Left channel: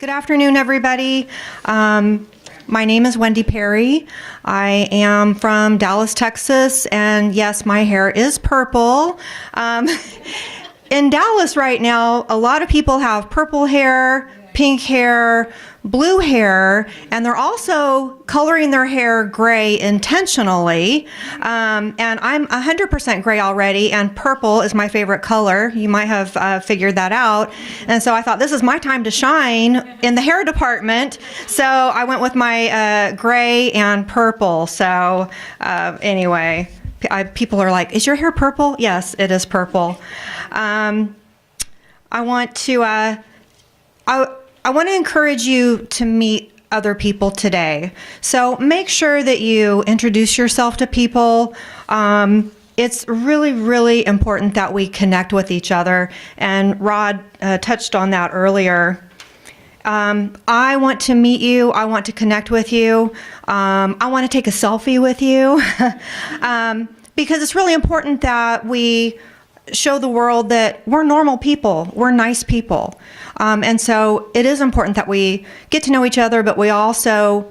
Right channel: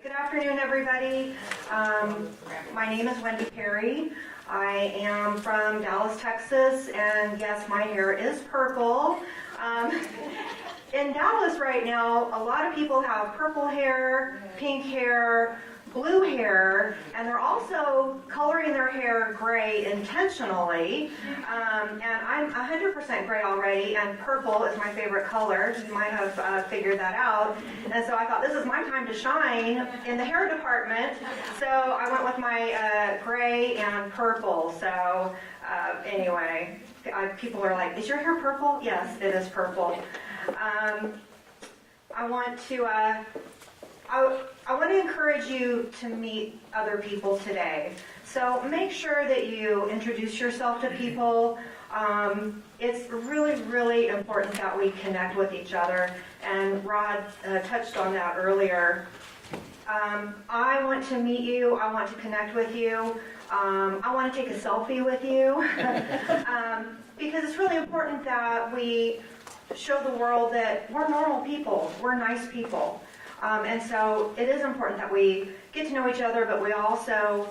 Good afternoon, everybody. My name is Wendy Perry. I am from Dallas, Texas, and yes, my hair is purple. In Dallas right now, a lot of people have purple hair, pink hair, blue hair, and they're also coloring their hair gray intentionally. And I'm 100% gray already, and purple is my favorite color. You might have figured that out. And so I thought this is my time to shine in the hair department. So I went with my gray and purple. So anyway, people are like, is your hair purple? Yes, it is purple. I want to encourage you to meet other people today. So make sure that you introduce yourself to people. It's really, really important that we connect with each other. And Rod touched on that earlier. I want to meet you. I want to connect with you. I want to take a selfie with you. Because it's really important that we show the world that we're normal people. We're nice people. And so it is important that we get to know each other, but we also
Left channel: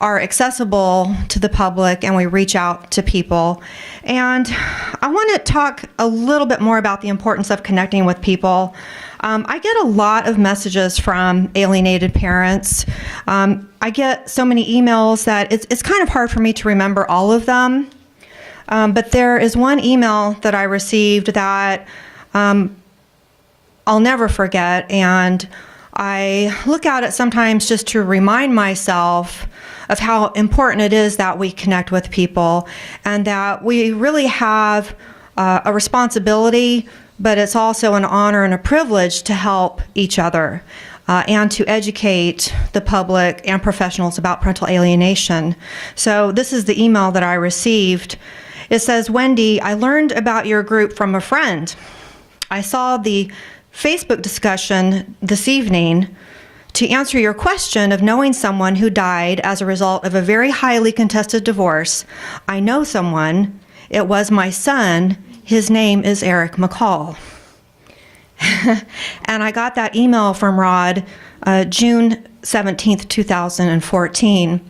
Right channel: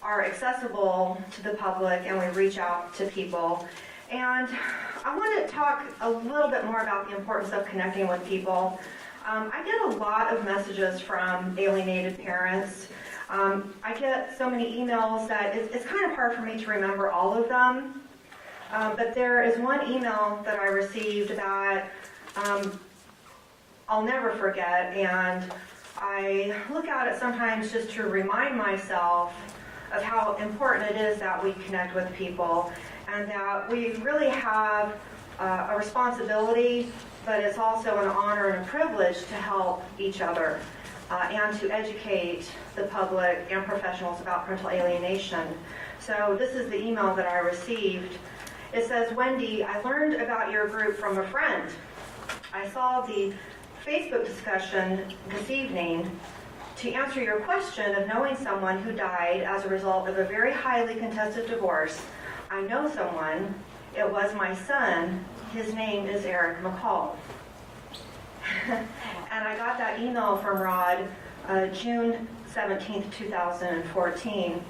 are accessible to the public and we reach out to people. And I want to talk a little bit more about the importance of connecting with people. I get a lot of messages from alienated parents. I get so many emails that it's kind of hard for me to remember all of them. But there is one email that I received that I'll never forget, and I look at it sometimes just to remind myself of how important it is that we connect with people and that we really have a responsibility, but it's also an honor and a privilege to help each other and to educate the public and professionals about parental alienation. So this is the email that I received. It says, Wendy, I learned about your group from a friend. I saw the Facebook discussion this evening to answer your question of knowing someone who died as a result of a very highly contested divorce. I know someone. It was my son. His name is Eric McCall. And I got that email from Rod June 17th, 2014.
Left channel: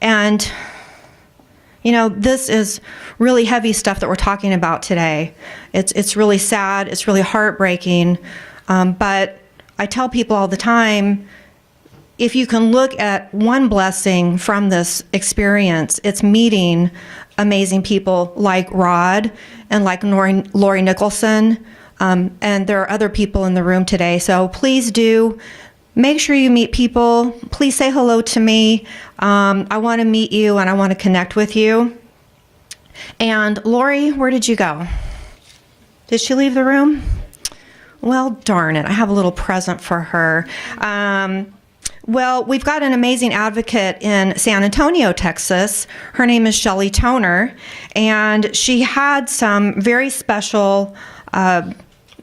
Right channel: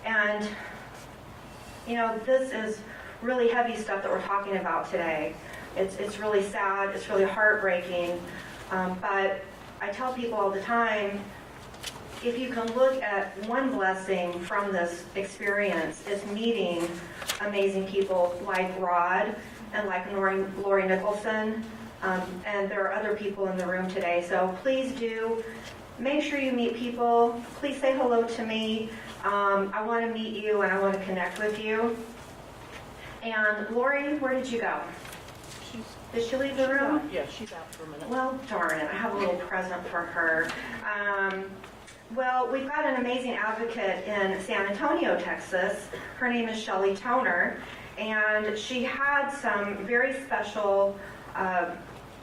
And, you know, this is really heavy stuff that we're talking about today. It's really sad, it's really heartbreaking, but I tell people all the time, if you can look at one blessing from this experience, it's meeting amazing people like Rod and like Lori Nicholson, and there are other people in the room today, so please do make sure you meet people. Please say hello to me. I want to meet you and I want to connect with you. And Lori, where did you go? Did she leave the room? Yeah, she got from it. Well, darn it. I have a little present for her. Well, we've got an amazing advocate in San Antonio, Texas. Her name is Shelly Toner, and she had some very special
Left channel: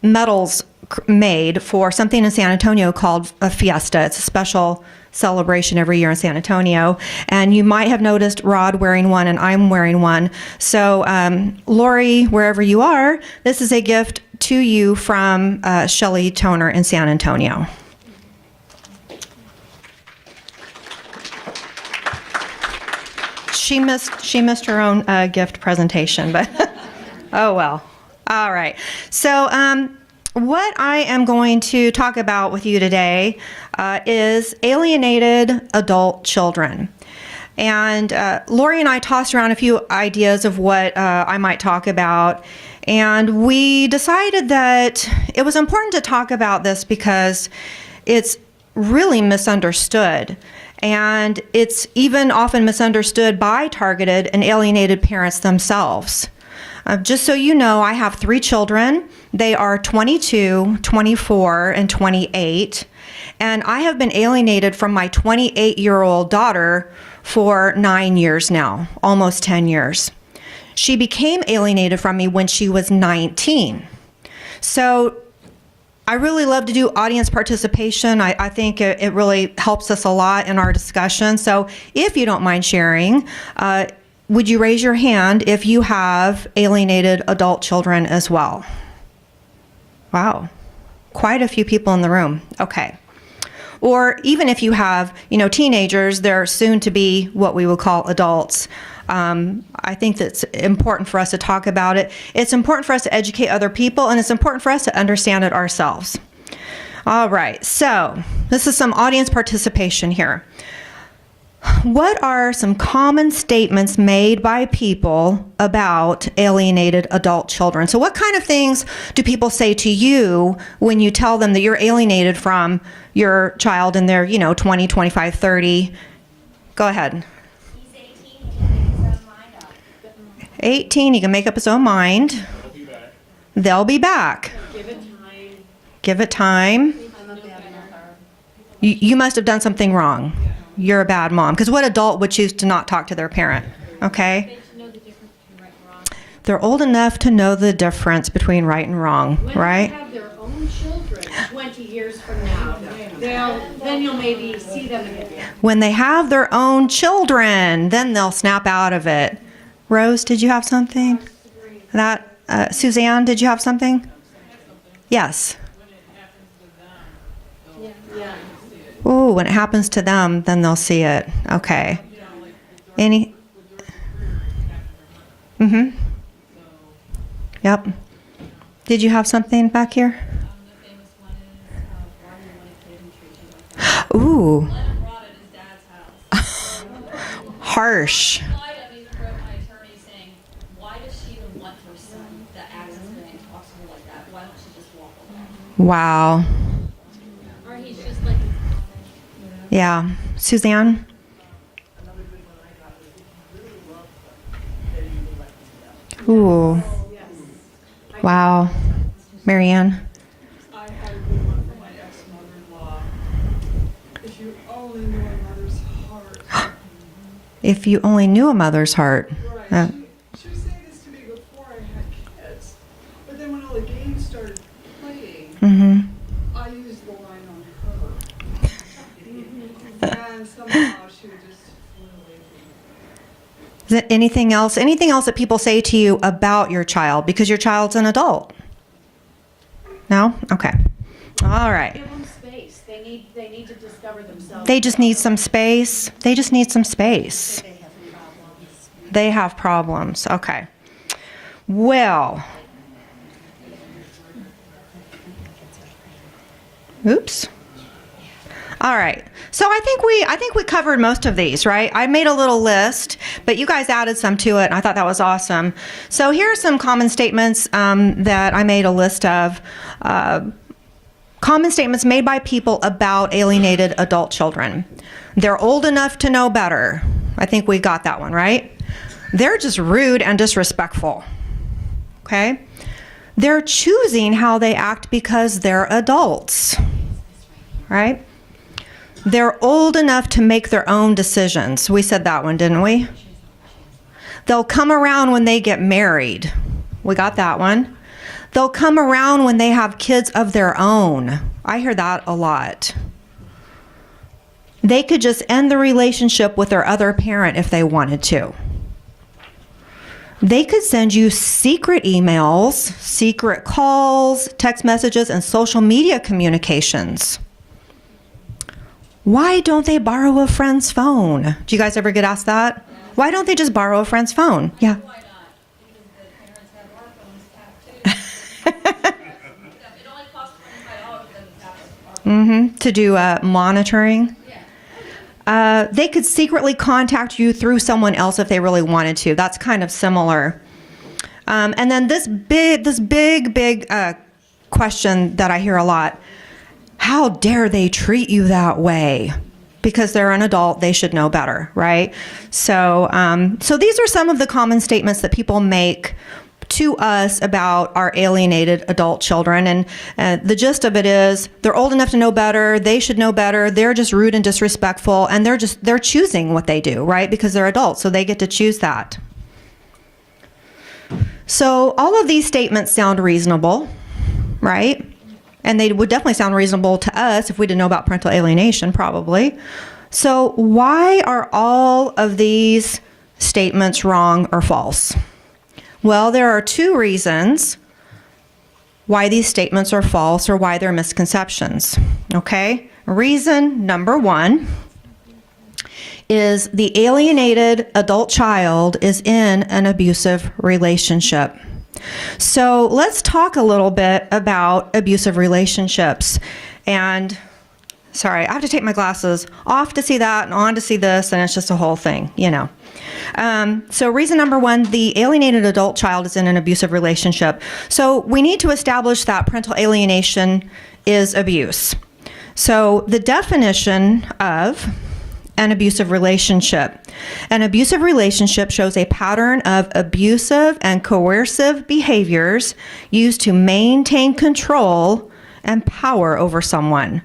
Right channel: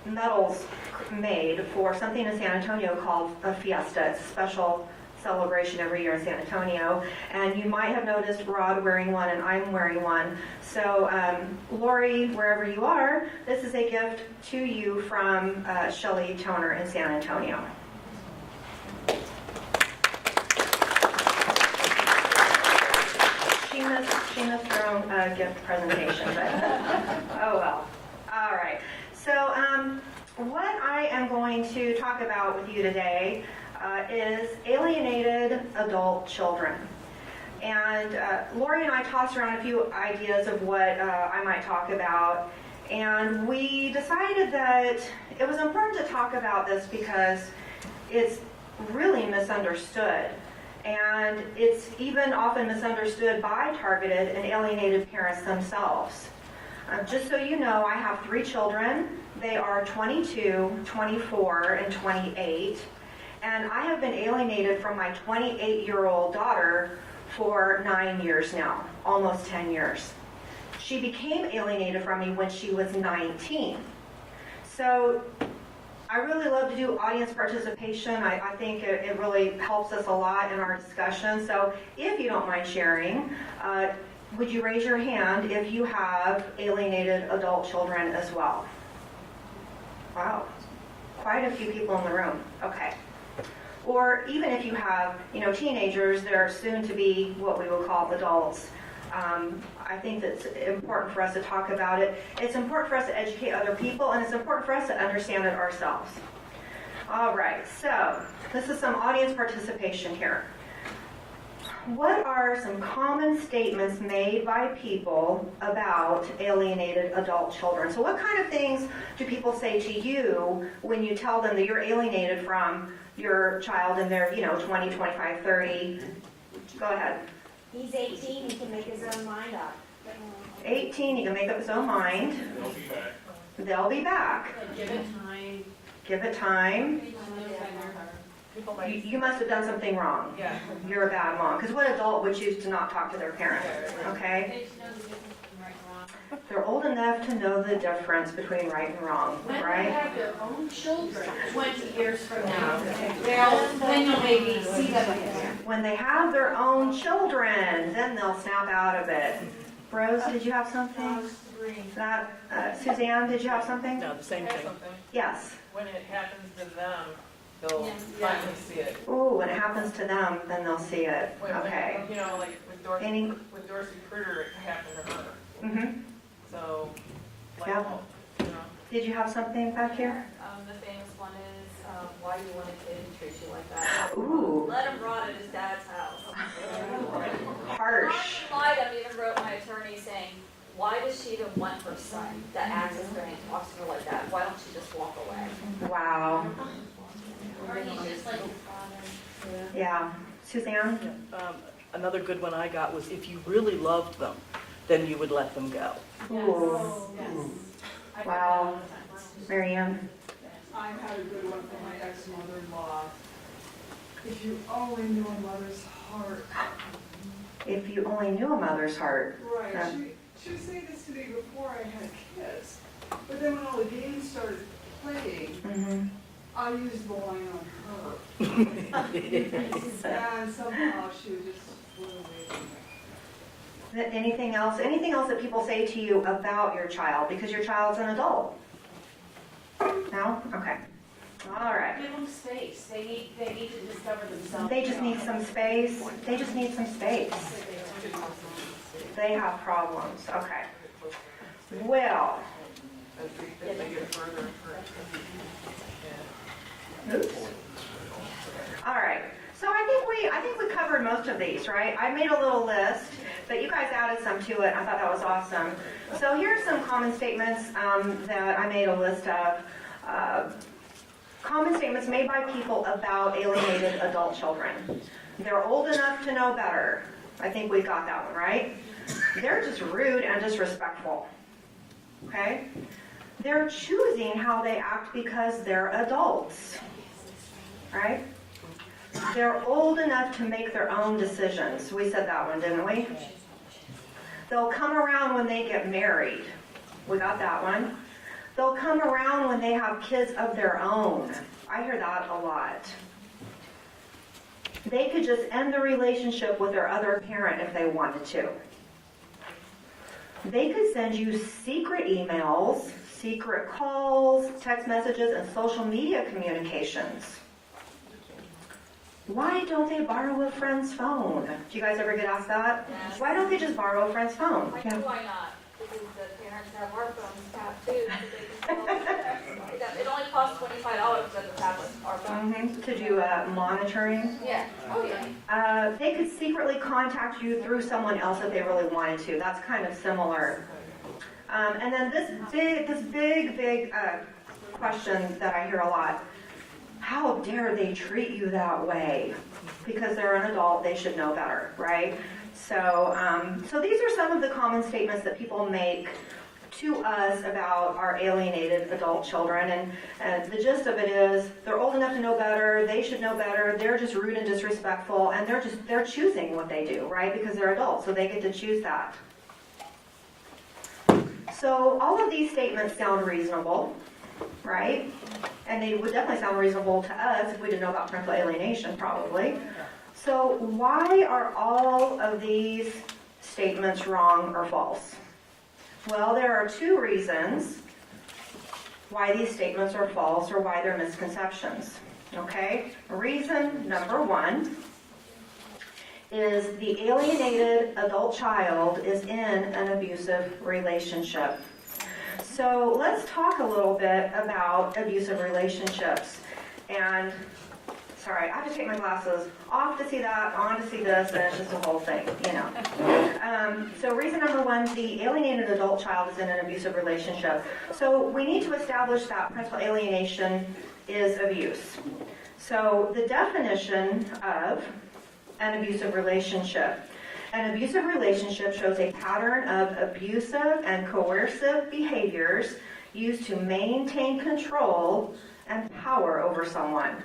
medals made for something in San Antonio called a fiesta. It's a special celebration every year in San Antonio, and you might have noticed Rod wearing one and I'm wearing one. So Lori, wherever you are, this is a gift to you from Shelly Toner in San Antonio. She missed her own gift presentation, but oh well. All right. So what I am going to talk about with you today is alienated adult children. And Lori and I tossed around a few ideas of what I might talk about, and we decided that it was important to talk about this because it's really misunderstood. And it's even often misunderstood by targeted and alienated parents themselves. Just so you know, I have 3 children. They are 22, 24, and 28. And I have been alienated from my 28-year-old daughter for 9 years now, almost 10 years. She became alienated from me when she was 19. So I really love to do audience participation. I think it really helps us a lot in our discussion. So if you don't mind sharing, would you raise your hand if you have alienated adult children as well? Wow, quite a few people in the room. Okay. Or even if you have, teenagers, they're soon to be what we would call adults. I think that's important for us to talk about it. It's important for us to educate other people, and it's important for us to understand it ourselves. All right, so this is some audience participation here. What are some common statements made by people about alienated adult children? So what kind of things do people say to you when you tell them that you're alienated from your child and they're, 20, 25, 30? Go ahead. He's 18, he can make his own mind up. 18, he can make up his own mind. They'll be back. Give it time. You must have done something wrong. You're a bad mom. Because what adult would choose to not talk to their parent? Okay? They're old enough to know the difference between right and wrong, right? When they have their own children 20 years from now, then you'll maybe see them again. When they have their own children, then they'll snap out of it. Rose, did you have something? Suzanne, did you have something? No, the same thing. Yes. When it happens to them, they'll finally see it. Oh, when it happens to them, then they'll see it. Okay. Like with Dorsey Kruger, it happened to her. Mm-hmm. So, Yep. Did you have something back here? The famous one is, why do you want a kid who treats you like that? Ooh, Let him rot at his dad's house. harsh. I even wrote my attorney saying, why does she even want her son that acts as her and talks to her like that? Why don't she just walk away? Wow. Or he's just like, Yeah. Suzanne? another good one I got was if you really loved them, then you would let them go. Ooh. Wow. Marianne? I had a good one from my ex-mother-in-law. If you only knew a mother's heart. If you only knew a mother's heart. Right. She was saying this to me before I had kids. But then when all the games started playing, Mm-hmm. I used the line on her. And somehow she would just flew away. Is there anything else? Anything else that people say to you about your child because your child's an adult? No? Okay. All right. Give them space. They need to discover themselves. They just need some space. They just need some space. They have problems. Okay. Well. Oops. All right. So I think we covered most of these, right? I made a little list, but you guys added some to it, and I thought that was awesome. So here are some common statements that I made a list of. Common statements made by people about alienated adult children. They're old enough to know better. I think we got that one, right? They're just rude and disrespectful. Okay? They're choosing how they act because they're adults. Right? They're old enough to make their own decisions. We said that one, didn't we? They'll come around when they get married. We got that one. They'll come around when they have kids of their own. I hear that a lot. They could just end the relationship with their other parent if they wanted to. They could send you secret emails, secret calls, text messages, and social media communications. Why don't they borrow a friend's phone? Do you guys ever get asked that? Why don't they just borrow a friend's phone? Yeah. why not? Because the parents have our phones tapped too. It only costs $25 to tap our phone. To do monitoring. Yeah. They could secretly contact you through someone else if they really wanted to. That's kind of similar. And then this big question that I hear a lot: how dare they treat you that way? Because they're an adult, they should know better, right? So these are some of the common statements that people make to us about our alienated adult children. And the gist of it is they're old enough to know better, they should know better, they're just rude and disrespectful, and they're choosing what they do, right? Because they're adults, so they get to choose that. So all of these statements sound reasonable, right? And they would definitely sound reasonable to us if we didn't know about parental alienation, probably. So why are all of these statements wrong or false? Well, there are two reasons. why these statements are false or why they're misconceptions. Okay? Reason number one is the alienated adult child is in an abusive relationship. So let's talk a little bit about abusive relationships. And sorry, I have to take my glasses off to see that and on to see this, and it's just a whole thing, you know. So reason number one, the alienated adult child is in an abusive relationship. So we need to establish that parental alienation is abuse. So the definition of an abusive relationship. An abusive relationship shows a pattern of abusive and coercive behaviors used to maintain control and power over someone.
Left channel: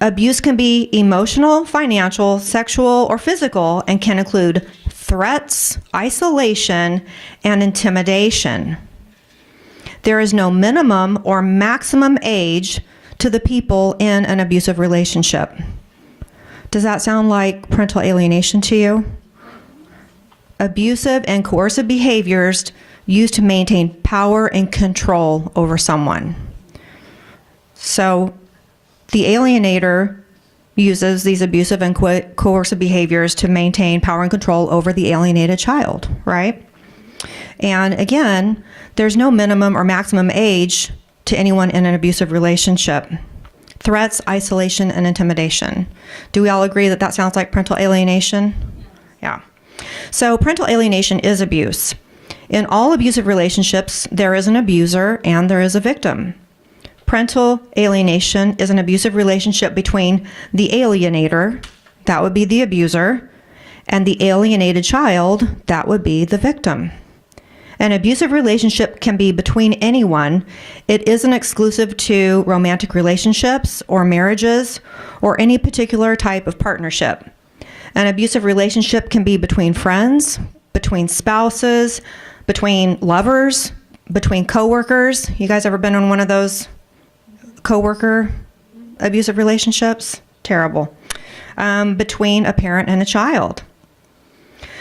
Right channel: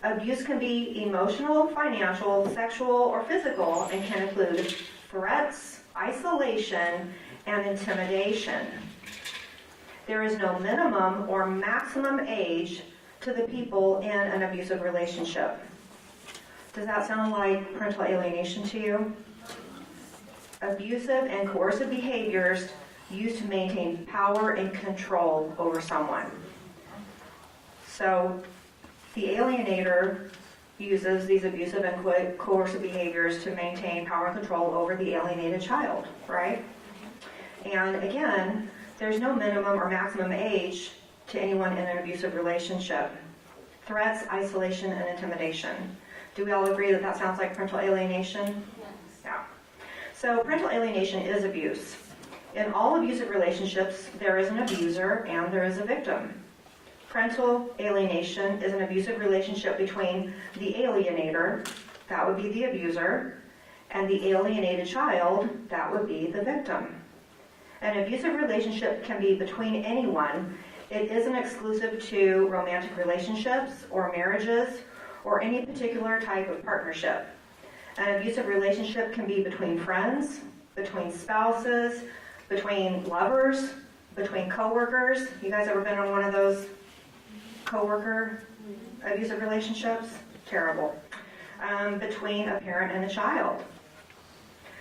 Abuse can be emotional, financial, sexual, or physical, and can include threats, isolation, and intimidation. There is no minimum or maximum age to the people in an abusive relationship. Does that sound like parental alienation to you? Abusive and coercive behaviors used to maintain power and control over someone. So the alienator uses these abusive and coercive behaviors to maintain power and control over the alienated child, right? And again, there's no minimum or maximum age to anyone in an abusive relationship. Threats, isolation, and intimidation. Do we all agree that that sounds like parental alienation? Yeah. So parental alienation is abuse. In all abusive relationships, there is an abuser and there is a victim. Parental alienation is an abusive relationship between the alienator, that would be the abuser, and the alienated child, that would be the victim. An abusive relationship can be between anyone. It isn't exclusive to romantic relationships or marriages or any particular type of partnership. An abusive relationship can be between friends, between spouses, between lovers, between coworkers. You guys ever been in one of those coworker abusive relationships? Terrible. Between a parent and a child.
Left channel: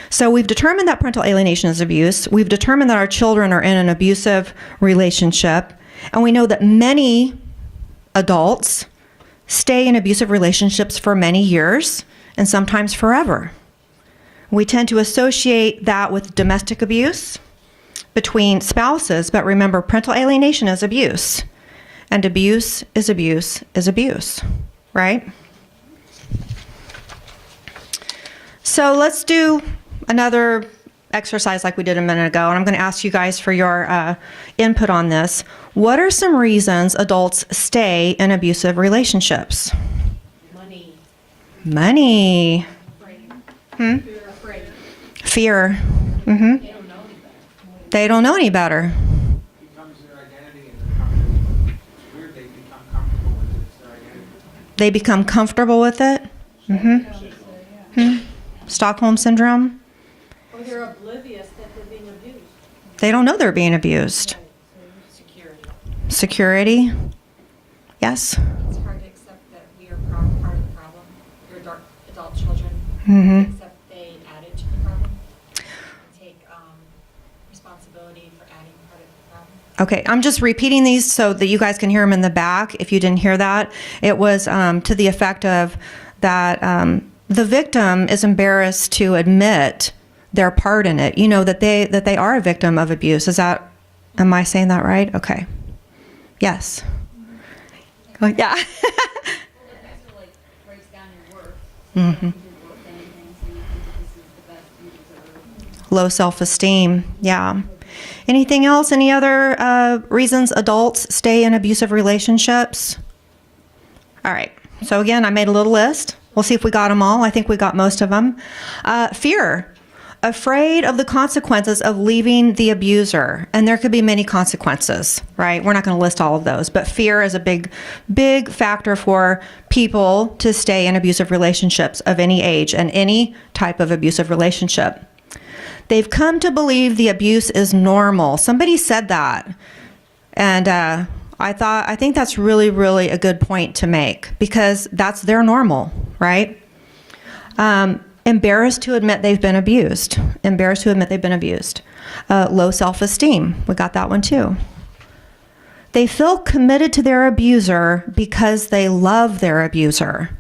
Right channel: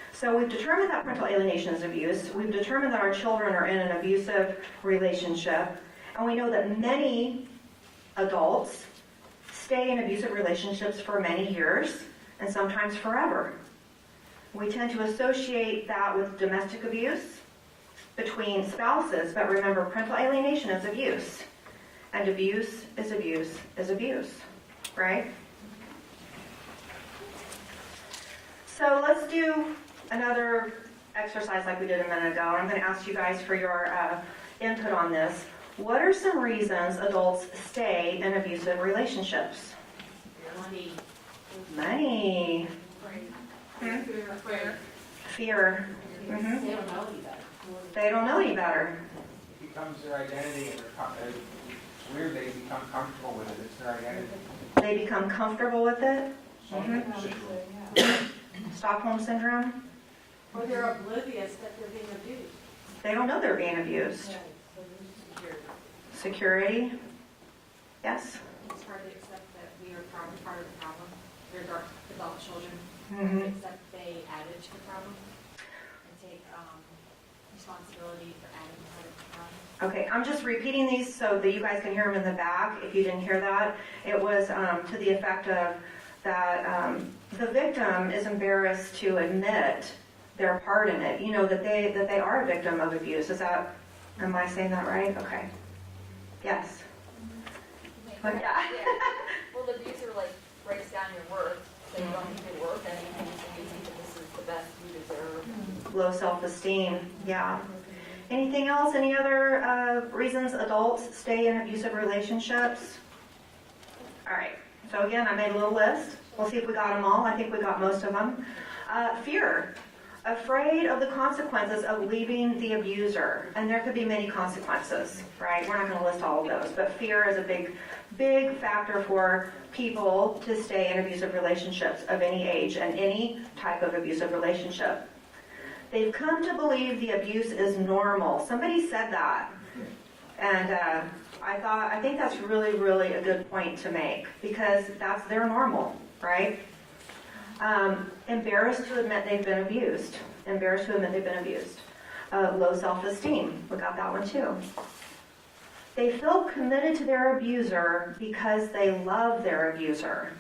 So we've determined that parental alienation is abuse. We've determined that our children are in an abusive relationship. And we know that many adults stay in abusive relationships for many years and sometimes forever. We tend to associate that with domestic abuse between spouses, but remember, parental alienation is abuse. And abuse is abuse is abuse, right? So let's do another exercise like we did a minute ago, and I'm going to ask you guys for your input on this. What are some reasons adults stay in abusive relationships? Money. Fear. Mm-hmm. They don't know any better. Becomes their identity, and it's weird, they become comfortable with it. It's their identity. They become comfortable with it. Mm-hmm. Stockholm syndrome. Or they're oblivious that they're being abused. They don't know they're being abused. Security. Yes. It's hard to accept that we are part of the problem. Your adult children Mm-hmm. accept they added to the problem and take responsibility for adding part of the problem. Okay, I'm just repeating these so that you guys can hear them in the back. If you didn't hear that, it was to the effect of that the victim is embarrassed to admit their part in it. You know that they are a victim of abuse. Am I saying that right? Okay. Yes. Yeah. Well, the abuser breaks down your worth. So you don't think you're worth anything, so you think that this is the best you deserve. Low self-esteem. Yeah. Anything else? Any other reasons adults stay in abusive relationships? All right. So again, I made a little list. We'll see if we got them all. I think we got most of them. Fear. Afraid of the consequences of leaving the abuser. And there could be many consequences, right? We're not going to list all of those. But fear is a big factor for people to stay in abusive relationships of any age and any type of abusive relationship. They've come to believe the abuse is normal. Somebody said that. And I think that's really, really a good point to make because that's their normal, right? Embarrassed to admit they've been abused. Embarrassed to admit they've been abused. Low self-esteem. We got that one too. They feel committed to their abuser because they love their abuser.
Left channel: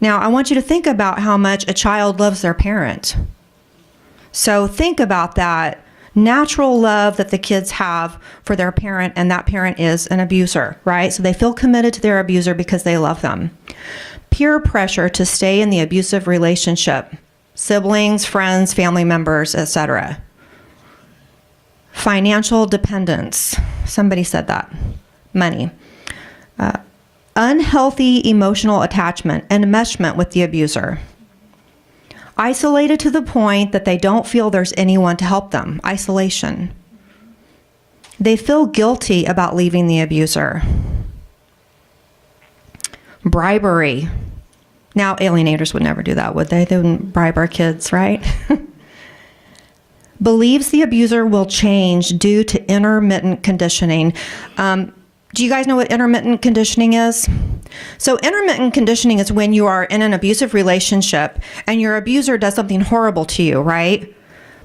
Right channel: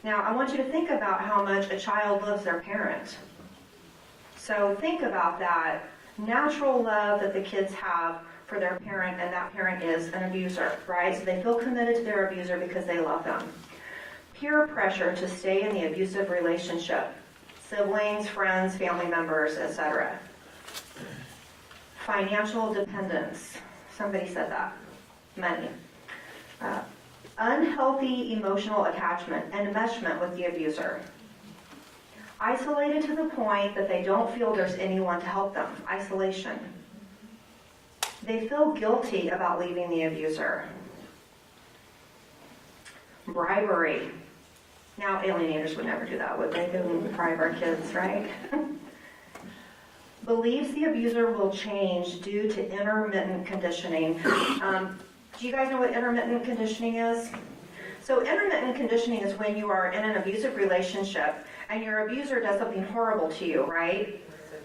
Now, I want you to think about how much a child loves their parent. So think about that natural love that the kids have for their parent, and that parent is an abuser, right? So they feel committed to their abuser because they love them. Peer pressure to stay in the abusive relationship, siblings, friends, family members, etc. Financial dependence. Somebody said that. Money. Unhealthy emotional attachment and enmeshment with the abuser. Isolated to the point that they don't feel there's anyone to help them. Isolation. They feel guilty about leaving the abuser. Bribery. Now, alienators would never do that, would they? They wouldn't bribe our kids, right? Believes the abuser will change due to intermittent conditioning. Do you guys know what intermittent conditioning is? So intermittent conditioning is when you are in an abusive relationship and your abuser does something horrible to you, right?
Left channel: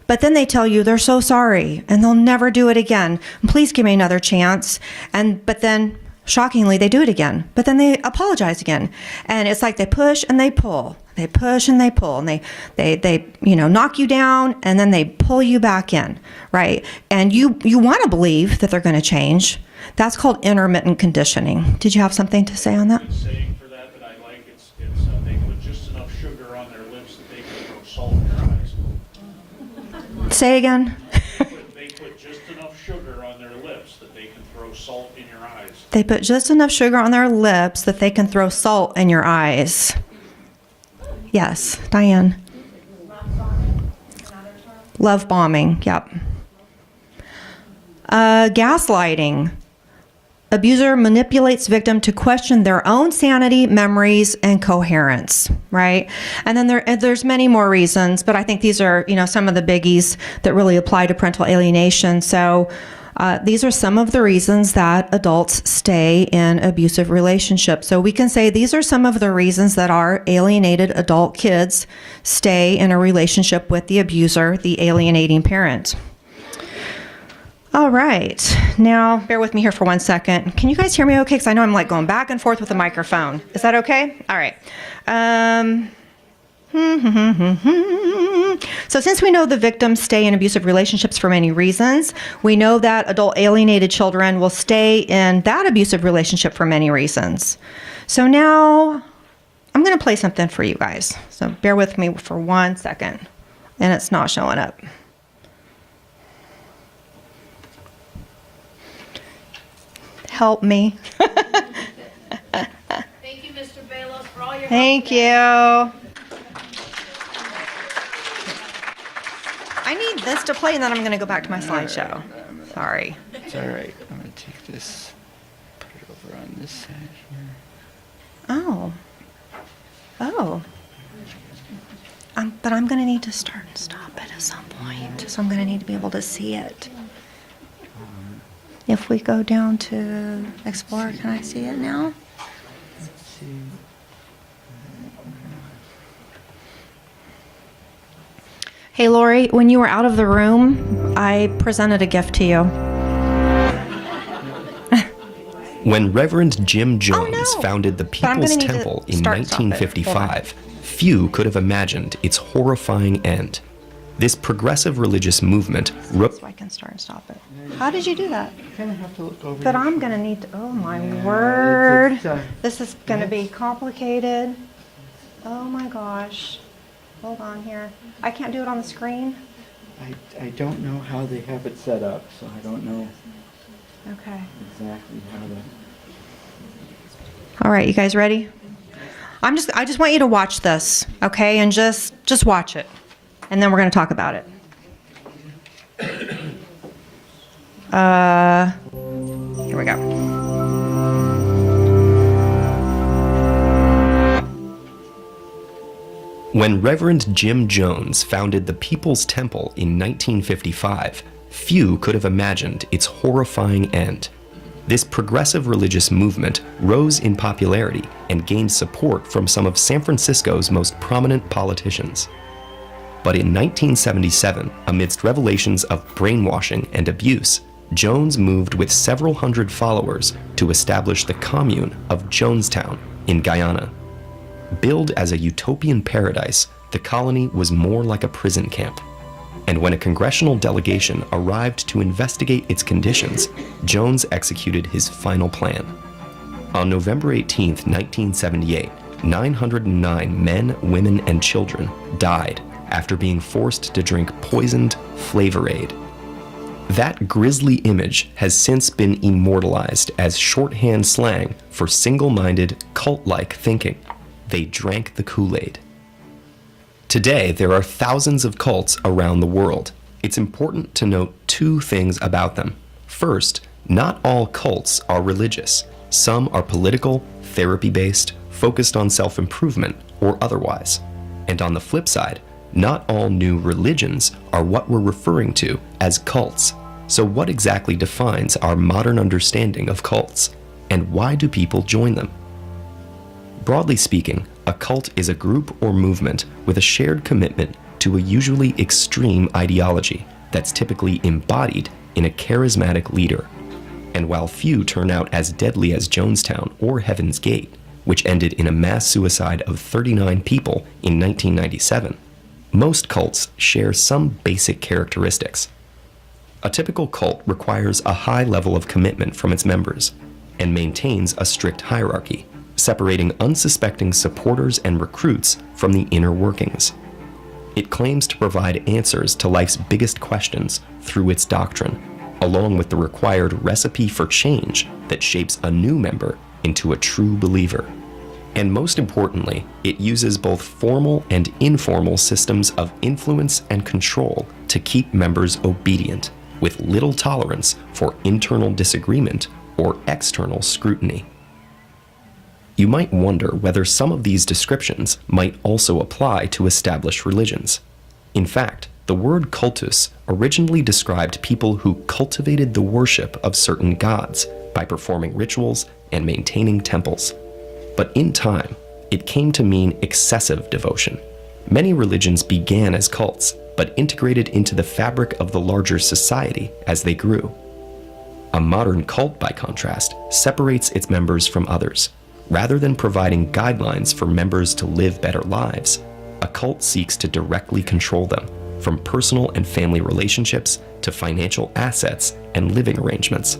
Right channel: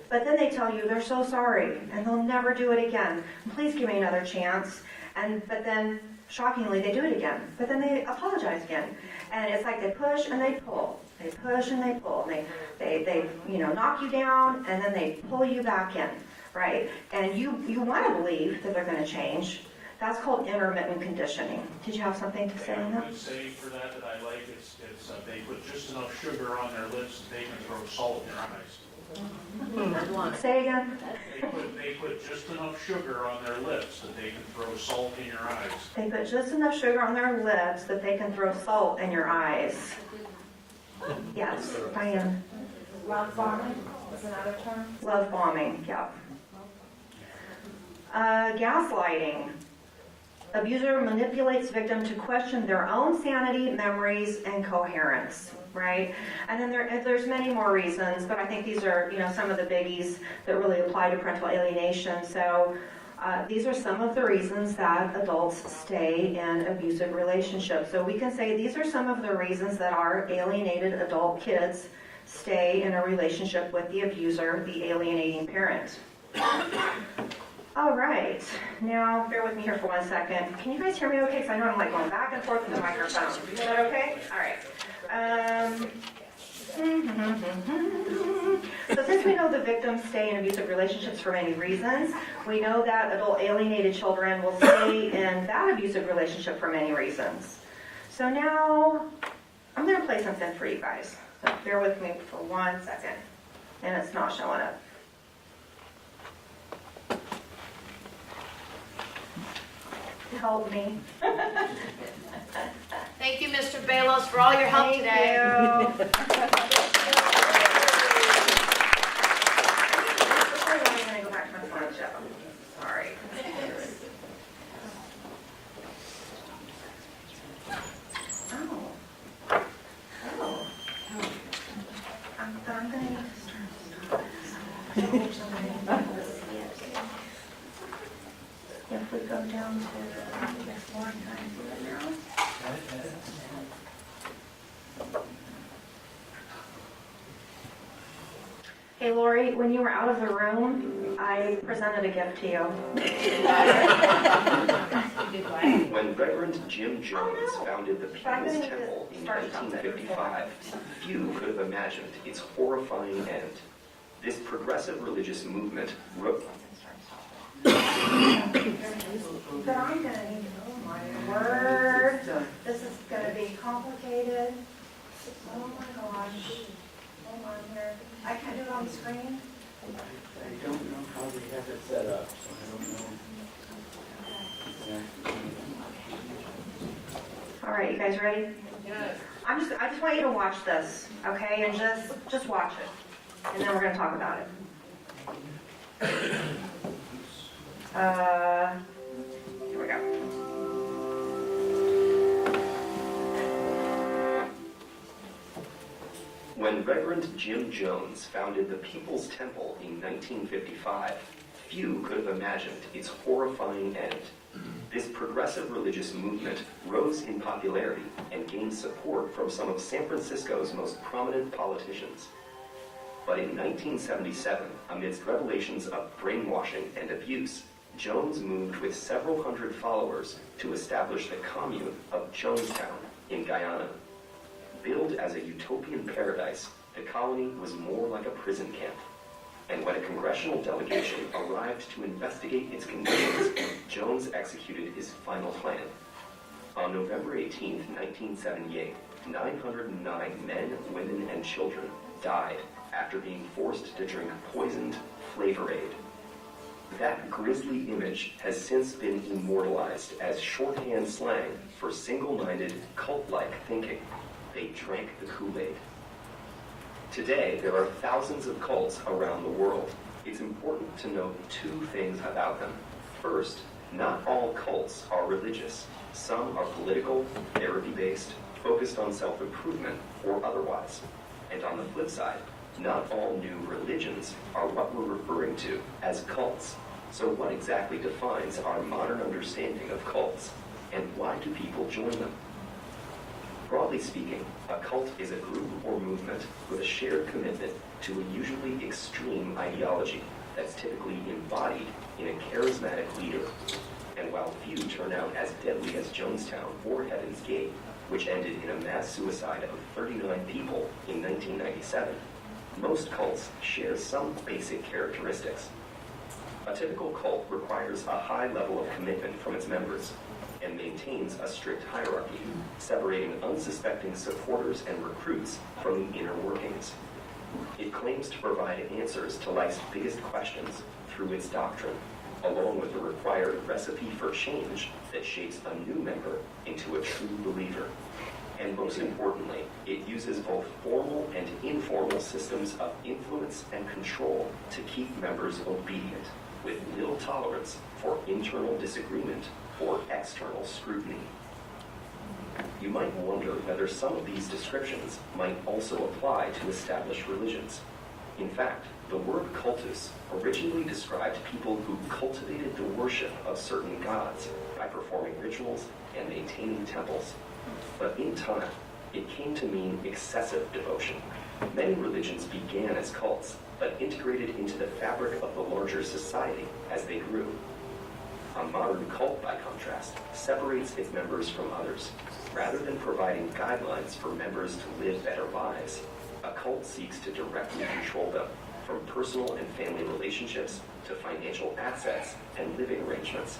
But then they tell you they're so sorry and they'll never do it again. Please give me another chance. But then shockingly, they do it again. But then they apologize again. And it's like they push and they pull. They push and they pull. And they knock you down and then they pull you back in, right? And you want to believe that they're going to change. That's called intermittent conditioning. Did you have something to say on that? The saying for that I like, it's they put just enough sugar on their lips that they can throw salt in their eyes. Say again. They put just enough sugar on their lips that they can throw salt in your eyes. They put just enough sugar on their lips that they can throw salt in your eyes. Yes, Diane. Love bombing is another term. Love bombing, yep. Gaslighting. Abuser manipulates victim to question their own sanity, memories, and coherence, right? And then there's many more reasons, but I think these are, some of the biggies that really apply to parental alienation. So these are some of the reasons that adults stay in abusive relationships. So we can say these are some of the reasons that our alienated adult kids stay in a relationship with the abuser, the alienating parent. All right, now bear with me here for 1 second. Can you guys hear me okay? Because I know I'm like going back and forth with the microphone. Is that okay? All right. So since we know the victims stay in abusive relationships for many reasons, we know that adult alienated children will stay in that abusive relationship for many reasons. So now I'm going to play something for you guys. So bear with me for 1 second. And it's not showing up. Help me. Thank you, Mr. Balos, for all your help Thank today. you. I need this to play, and then I'm going to go back to my slideshow. Sorry. It's all right. I'm going to take this, put it over on this side here. Oh. Oh. But I'm going to need to start and stop it at some point, so I'm going to need to be able to see it. If we go down to Explorer, can I see it now? Hey, Lori, when you were out of the room, I presented a gift to you. When Reverend Jim Jones founded the But I'm gonna People's need to Temple in start and stop it. 1955, few could have imagined its horrifying end. This progressive religious movement So I can start and stop it. How did you do that? But I'm going to need to, oh my word. This is going to be complicated. Oh my gosh. Hold on here. I can't do it on the screen? I don't know how they have it set up, so I don't know Okay. exactly how All right, you guys ready? I just want you to watch this, okay? And just watch it. And then we're going to talk about it. Here we go. When Reverend Jim Jones founded the People's Temple in 1955, few could have imagined its horrifying end. This progressive religious movement rose in popularity and gained support from some of San Francisco's most prominent politicians. But in 1977, amidst revelations of brainwashing and abuse, Jones moved with several hundred followers to establish the commune of Jonestown in Guyana. Billed as a utopian paradise, the colony was more like a prison camp. And when a congressional delegation arrived to investigate its conditions, Jones executed his final plan. On November 18, 1978, 909 men, women, and children died after being forced to drink poisoned Flavor Aid. That grisly image has since been immortalized as shorthand slang for single-minded, cult-like thinking. They drank the Kool-Aid. Today, there are thousands of cults around the world. It's important to note two things about them. First, not all cults are religious. Some are political, therapy-based, focused on self-improvement, or otherwise. And on the flip side, not all new religions are what we're referring to as cults. So what exactly defines our modern understanding of cults? And why do people join them? Broadly speaking, a cult is a group or movement with a shared commitment to a usually extreme ideology that's typically embodied in a charismatic leader. And while few turn out as deadly as Jonestown or Heaven's Gate, which ended in a mass suicide of 39 people in 1997, most cults share some basic characteristics. A typical cult requires a high level of commitment from its members and maintains a strict hierarchy, separating unsuspecting supporters and recruits from the inner workings. It claims to provide answers to life's biggest questions through its doctrine, along with the required recipe for change that shapes a new member into a true believer. And most importantly, it uses both formal and informal systems of influence and control to keep members obedient, with little tolerance for internal disagreement or external scrutiny. You might wonder whether some of these descriptions might also apply to established religions. In fact, the word cultus originally described people who cultivated the worship of certain gods by performing rituals and maintaining temples. But in time, it came to mean excessive devotion. Many religions began as cults, but integrated into the fabric of the larger society as they grew. A modern cult, by contrast, separates its members from others. Rather than providing guidelines for members to live better lives, a cult seeks to directly control them, from personal and family relationships to financial assets and living arrangements.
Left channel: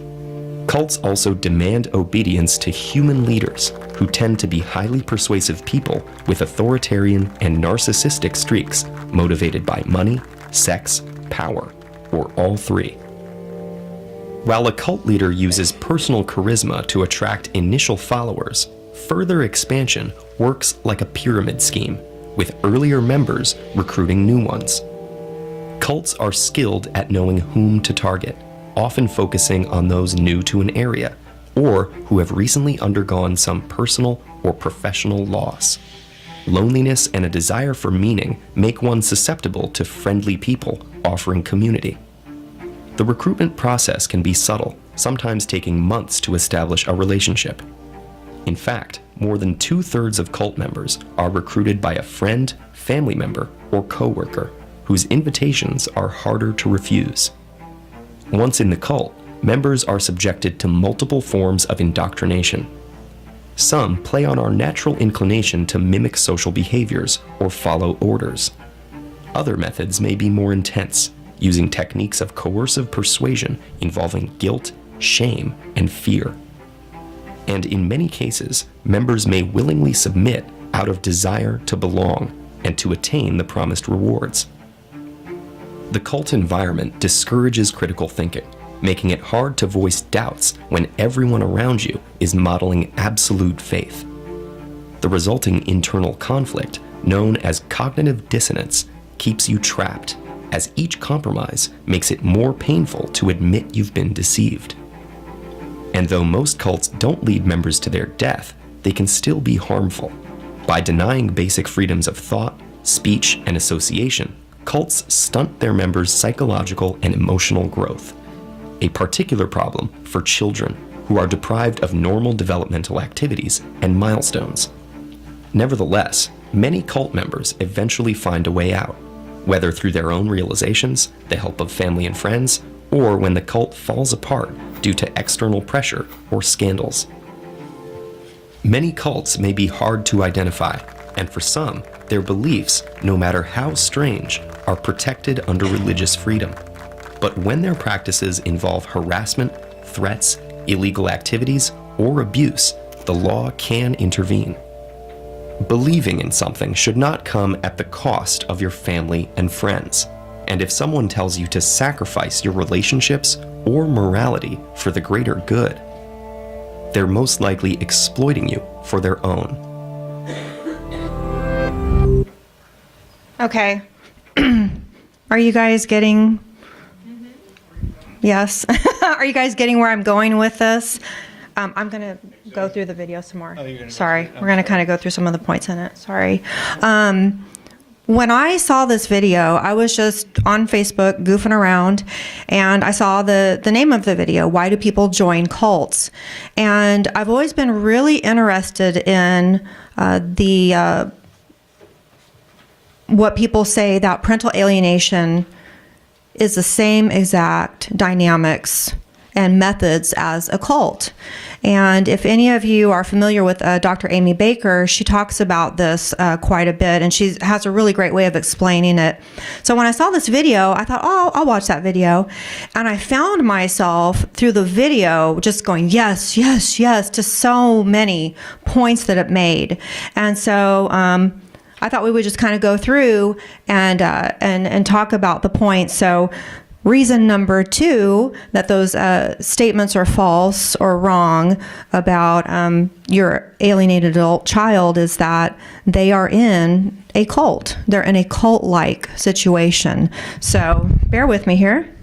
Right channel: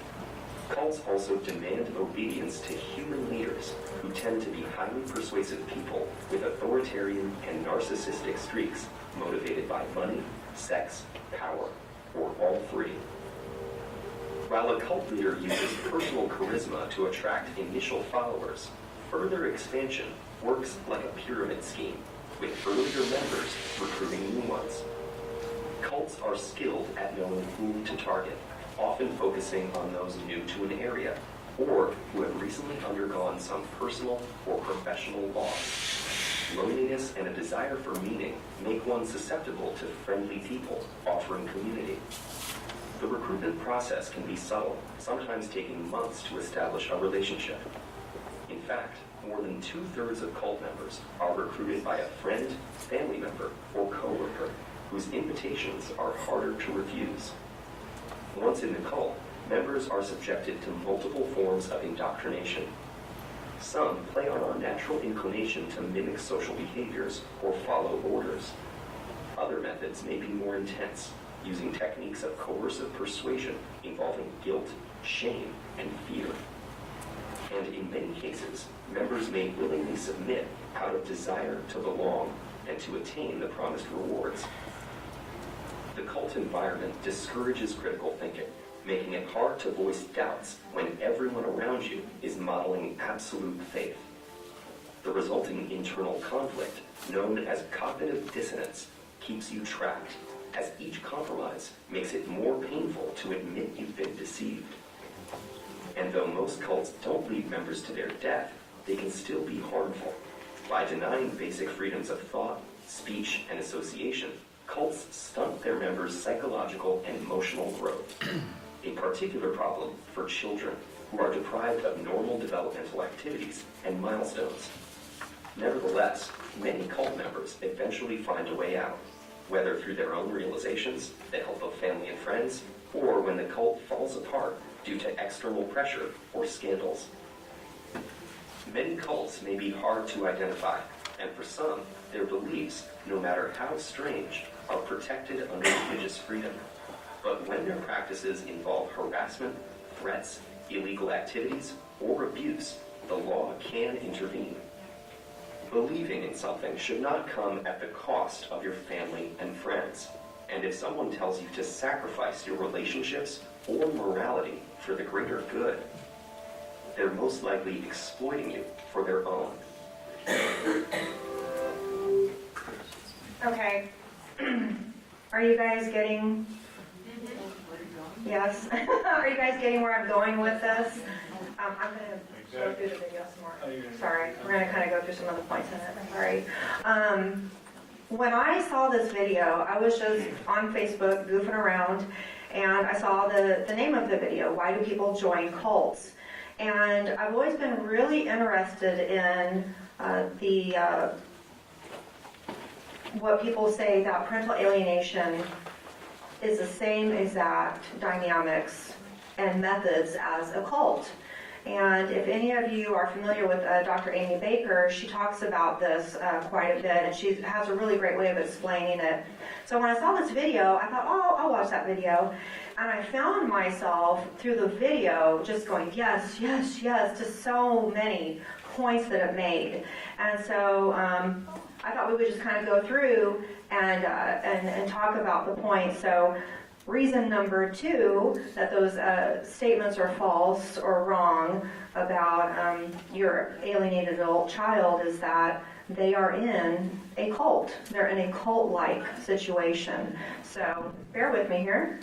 Cults also demand obedience to human leaders, who tend to be highly persuasive people with authoritarian and narcissistic streaks motivated by money, sex, power, or all three. While a cult leader uses personal charisma to attract initial followers, further expansion works like a pyramid scheme, with earlier members recruiting new ones. Cults are skilled at knowing whom to target, often focusing on those new to an area, or who have recently undergone some personal or professional loss. Loneliness and a desire for meaning make one susceptible to friendly people offering community. The recruitment process can be subtle, sometimes taking months to establish a relationship. In fact, more than 2/3 of cult members are recruited by a friend, family member, or coworker, whose invitations are harder to refuse. Once in the cult, members are subjected to multiple forms of indoctrination. Some play on our natural inclination to mimic social behaviors or follow orders. Other methods may be more intense, using techniques of coercive persuasion involving guilt, shame, and fear. And in many cases, members may willingly submit out of desire to belong and to attain the promised rewards. The cult environment discourages critical thinking, making it hard to voice doubts when everyone around you is modeling absolute faith. The resulting internal conflict, known as cognitive dissonance, keeps you trapped, as each compromise makes it more painful to admit you've been deceived. And though most cults don't lead members to their death, they can still be harmful. By denying basic freedoms of thought, speech, and association, cults stunt their members' psychological and emotional growth. A particular problem for children who are deprived of normal developmental activities and milestones. Nevertheless, many cult members eventually find a way out, whether through their own realizations, the help of family and friends, or when the cult falls apart due to external pressure or scandals. Many cults may be hard to identify, and for some, their beliefs, no matter how strange, are protected under religious freedom. But when their practices involve harassment, threats, illegal activities, or abuse, the law can intervene. Believing in something should not come at the cost of your family and friends. And if someone tells you to sacrifice your relationships or morality for the greater good, they're most likely exploiting you for their own. Okay. Are you guys getting... Yes. Are you guys getting where I'm going with this? I'm going to go through the video some more. Sorry. We're going to kind of go through some of the points in it. Sorry. When I saw this video, I was just on Facebook goofing around, and I saw the name of the video, Why Do People Join Cults? And I've always been really interested in what people say that parental alienation is the same exact dynamics and methods as a cult. And if any of you are familiar with Dr. Amy Baker, she talks about this quite a bit, and she has a really great way of explaining it. So when I saw this video, I thought, oh, I'll watch that video. And I found myself through the video just going, yes, yes, yes, to so many points that it made. And so I thought we would just kind of go through and talk about the points. So reason number 2 that those statements are false or wrong about your alienated adult child is that they are in a cult. They're in a cult-like situation. So bear with me here.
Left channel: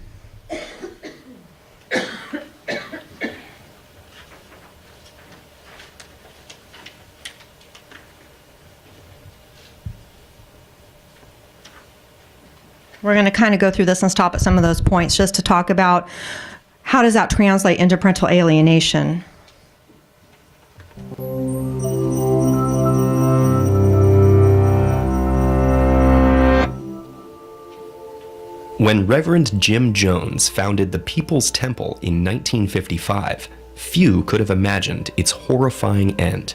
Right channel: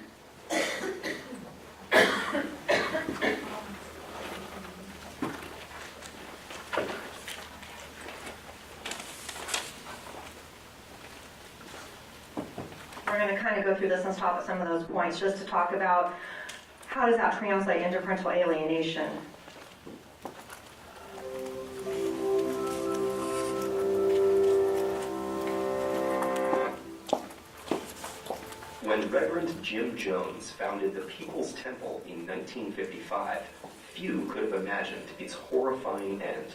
We're going to kind of go through this and stop at some of those points just to talk about how does that translate into parental alienation. When Reverend Jim Jones founded the People's Temple in 1955, few could have imagined its horrifying end.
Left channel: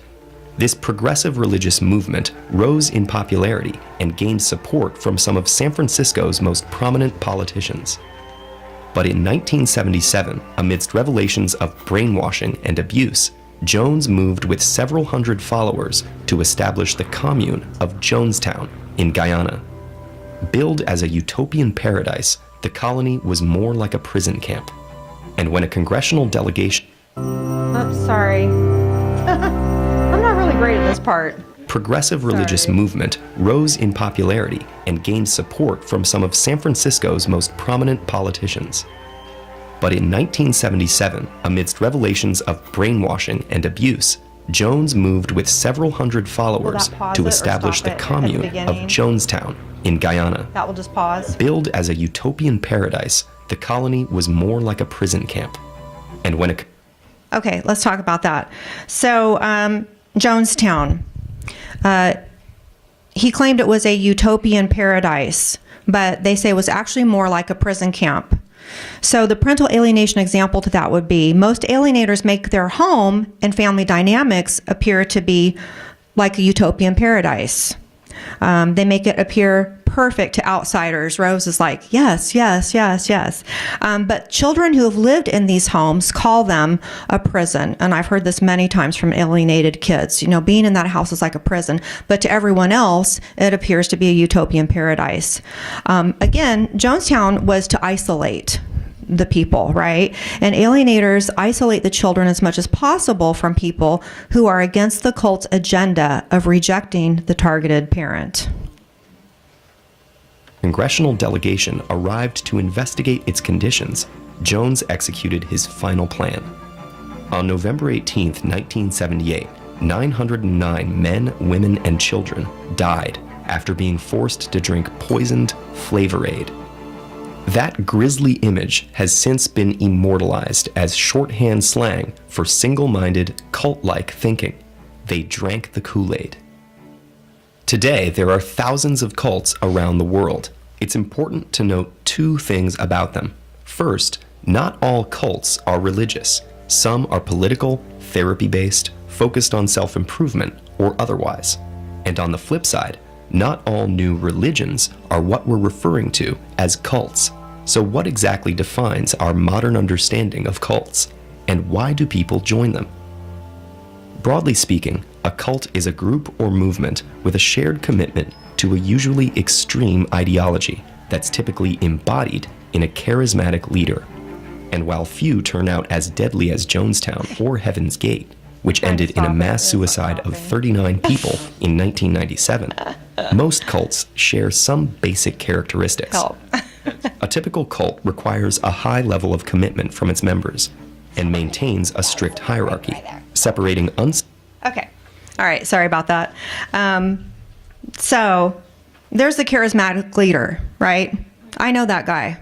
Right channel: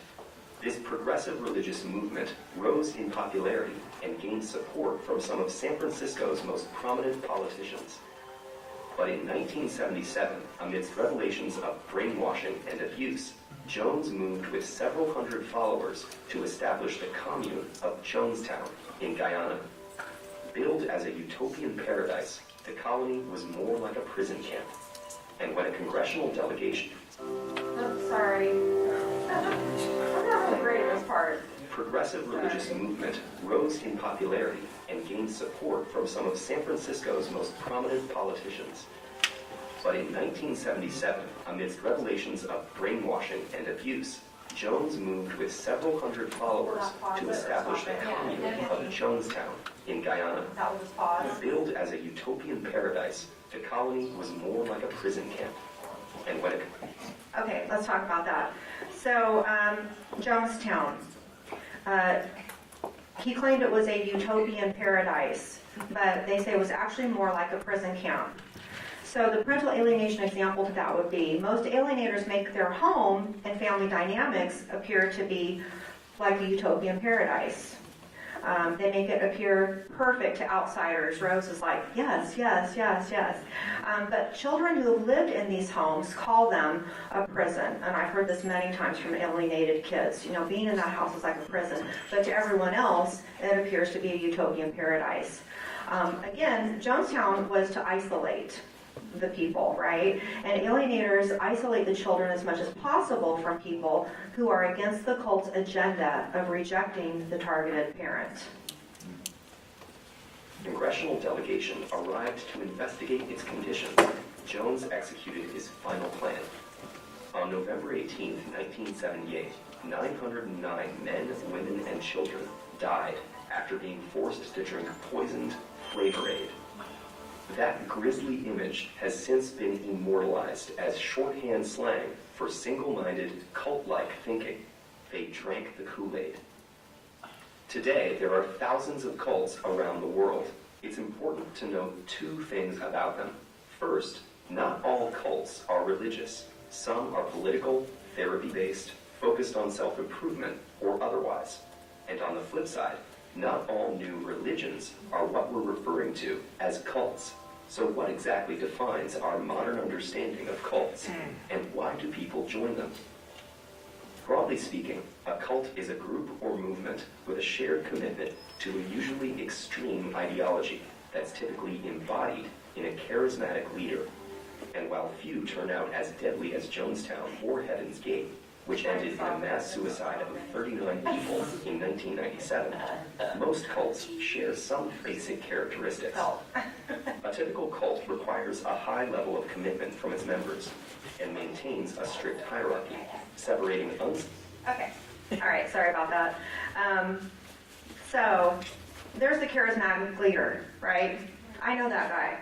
This progressive religious movement rose in popularity and gained support from some of San Francisco's most prominent politicians. But in 1977, amidst revelations of brainwashing and abuse, Jones moved with several hundred followers to establish the commune of Jonestown in Guyana. Billed as a utopian paradise, the colony was more like a prison camp. And when a congressional delegation... Oops, sorry. I'm not really great at this part. Progressive religious movement rose in popularity and gained support from some of San Francisco's most prominent politicians. But in 1977, amidst revelations of brainwashing and abuse, Jones moved with several hundred followers to establish the commune of Jonestown in Guyana. That will just pause. Billed as a utopian paradise, the colony was more like a prison camp. And when it... Okay, let's talk about that. So, Jonestown. He claimed it was a utopian paradise, but they say it was actually more like a prison camp. So the parental alienation example to that would be most alienators make their home and family dynamics appear to be like a utopian paradise. They make it appear perfect to outsiders. Rose is like, yes, yes, yes, yes. But children who have lived in these homes call them a prison. And I've heard this many times from alienated kids. You know, being in that house is like a prison. But to everyone else, it appears to be a utopian paradise. Again, Jonestown was to isolate the people, right? And alienators isolate the children as much as possible from people who are against the cult's agenda of rejecting the targeted parent. Congressional delegation arrived to investigate its conditions. Jones executed his final plan. On November 18, 1978, 909 men, women, and children died after being forced to drink poisoned Flavor Aid. That grisly image has since been immortalized as shorthand slang for single-minded, cult-like thinking. They drank the Kool-Aid. Today, there are thousands of cults around the world. It's important to note two things about them. First, not all cults are religious. Some are political, therapy-based, focused on self-improvement, or otherwise. And on the flip side, not all new religions are what we're referring to as cults. So what exactly defines our modern understanding of cults? And why do people join them? Broadly speaking, a cult is a group or movement with a shared commitment to a usually extreme ideology that's typically embodied in a charismatic leader. And while few turn out as deadly as Jonestown or Heaven's Gate, which ended in a mass suicide of 39 people in 1997, most cults share some basic characteristics. A typical cult requires a high level of commitment from its members and maintains a strict hierarchy, separating Okay. All right. Sorry about that. So there's the charismatic leader, right? I know that guy.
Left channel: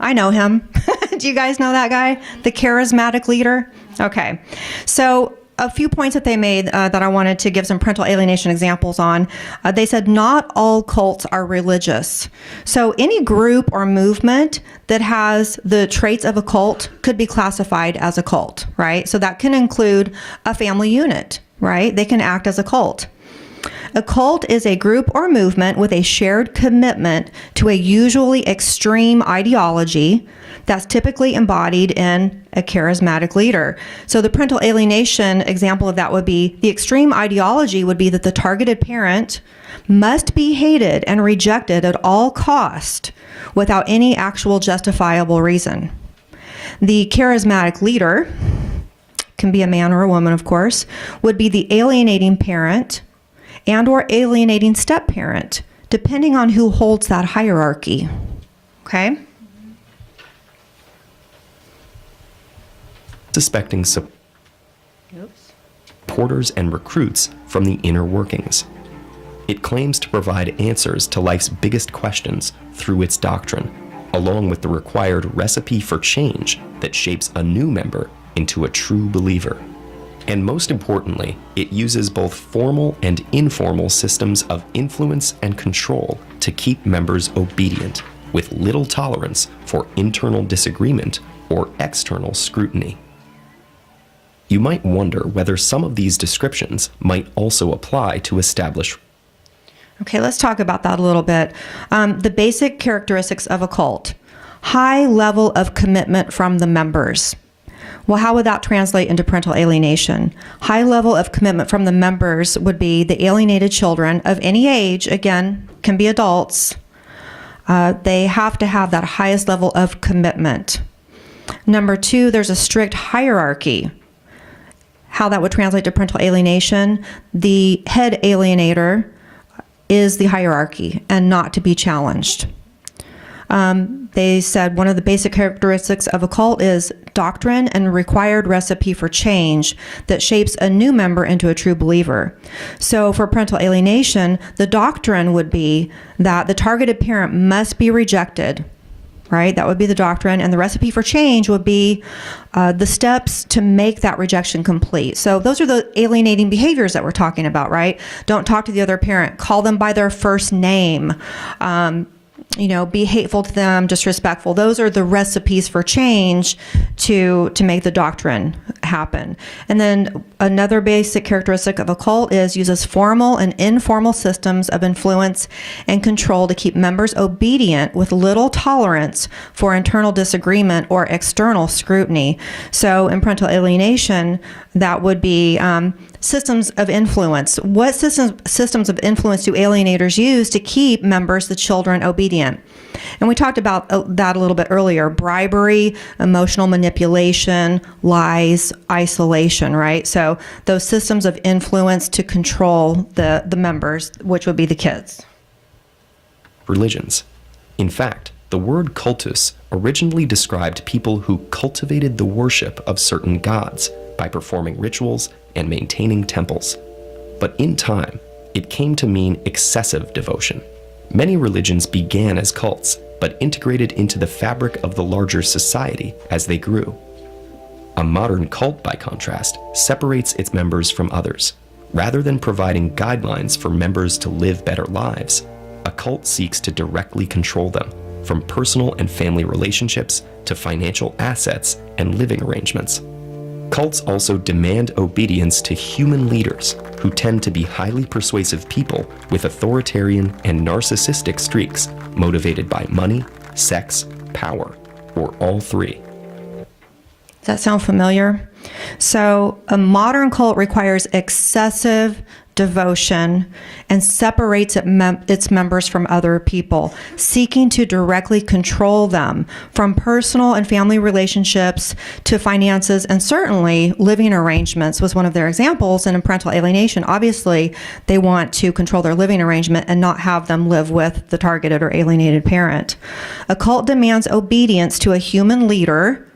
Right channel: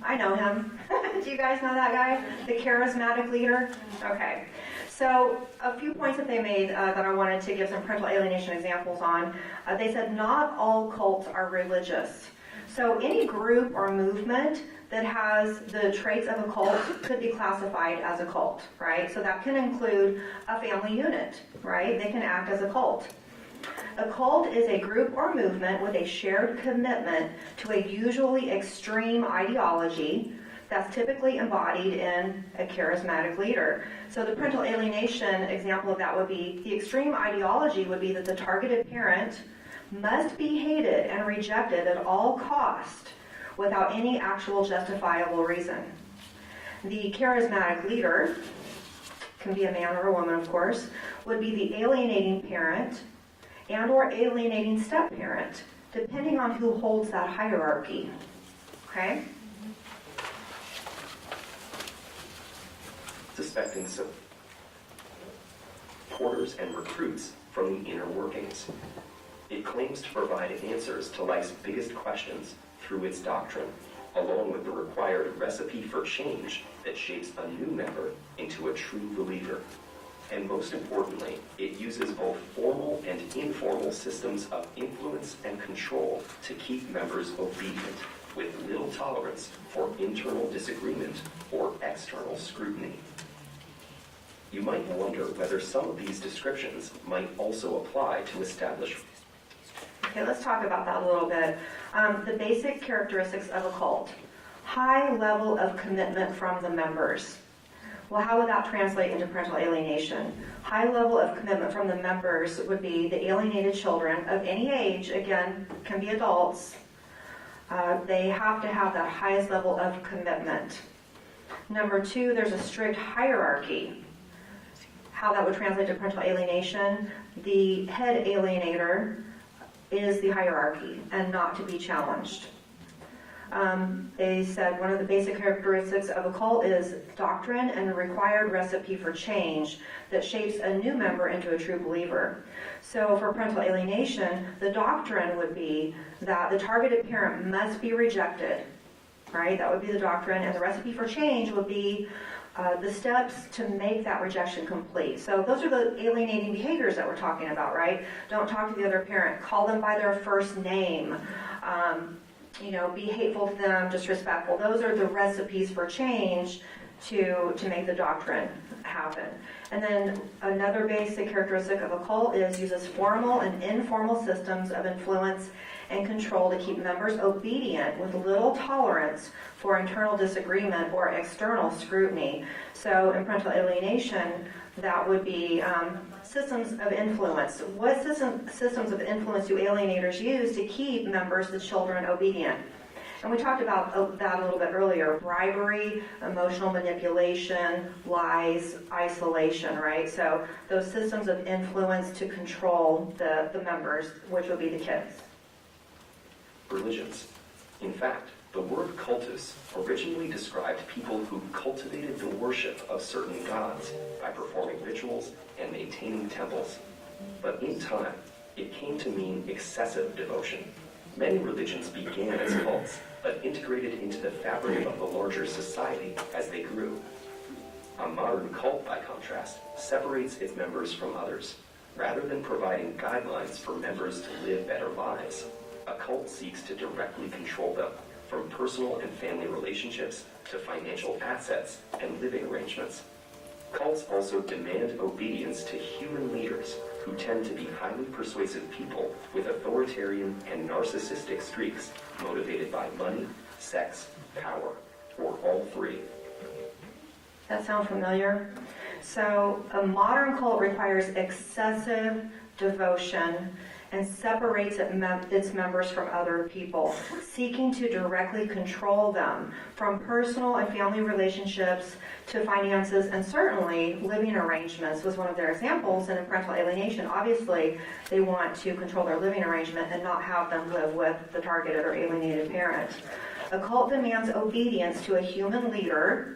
I know him. Do you guys know that guy? The charismatic leader? Okay. So a few points that they made that I wanted to give some parental alienation examples on. They said not all cults are religious. So any group or movement that has the traits of a cult could be classified as a cult, right? So that can include a family unit, right? They can act as a cult. A cult is a group or movement with a shared commitment to a usually extreme ideology that's typically embodied in a charismatic leader. So the parental alienation example of that would be the extreme ideology would be that the targeted parent must be hated and rejected at all cost without any actual justifiable reason. The charismatic leader, can be a man or a woman of course, would be the alienating parent and or alienating step-parent, depending on who holds that hierarchy. Okay? suspecting supporters and recruits from the inner workings. It claims to provide answers to life's biggest questions through its doctrine, along with the required recipe for change that shapes a new member into a true believer. And most importantly, it uses both formal and informal systems of influence and control to keep members obedient, with little tolerance for internal disagreement or external scrutiny. You might wonder whether some of these descriptions might also apply to established. Okay, let's talk about that a little bit. The basic characteristics of a cult. High level of commitment from the members. Well, how would that translate into parental alienation? High level of commitment from the members would be the alienated children of any age, again, can be adults. They have to have that highest level of commitment. Number two, there's a strict hierarchy. How that would translate to parental alienation, the head alienator is the hierarchy and not to be challenged. They said one of the basic characteristics of a cult is doctrine and required recipe for change that shapes a new member into a true believer. So for parental alienation, the doctrine would be that the targeted parent must be rejected, right? That would be the doctrine. And the recipe for change would be the steps to make that rejection complete. So those are the alienating behaviors that we're talking about, right? Don't talk to the other parent. Call them by their first name. Be hateful to them, disrespectful. Those are the recipes for change to make the doctrine happen. And then another basic characteristic of a cult is uses formal and informal systems of influence and control to keep members obedient with little tolerance for internal disagreement or external scrutiny. So in parental alienation, that would be systems of influence. What systems of influence do alienators use to keep members, the children, obedient? And we talked about that a little bit earlier. Bribery, emotional manipulation, lies, isolation, right? So those systems of influence to control the members, which would be the kids. Religions. In fact, the word cultus originally described people who cultivated the worship of certain gods by performing rituals and maintaining temples. But in time, it came to mean excessive devotion. Many religions began as cults, but integrated into the fabric of the larger society as they grew. A modern cult, by contrast, separates its members from others. Rather than providing guidelines for members to live better lives, a cult seeks to directly control them, from personal and family relationships to financial assets and living arrangements. Cults also demand obedience to human leaders who tend to be highly persuasive people with authoritarian and narcissistic streaks motivated by money, sex, power, or all three. Does that sound familiar? So a modern cult requires excessive devotion and separates its members from other people, seeking to directly control them from personal and family relationships to finances, and certainly living arrangements was one of their examples. And in parental alienation, obviously, they want to control their living arrangement and not have them live with the targeted or alienated parent. A cult demands obedience to a human leader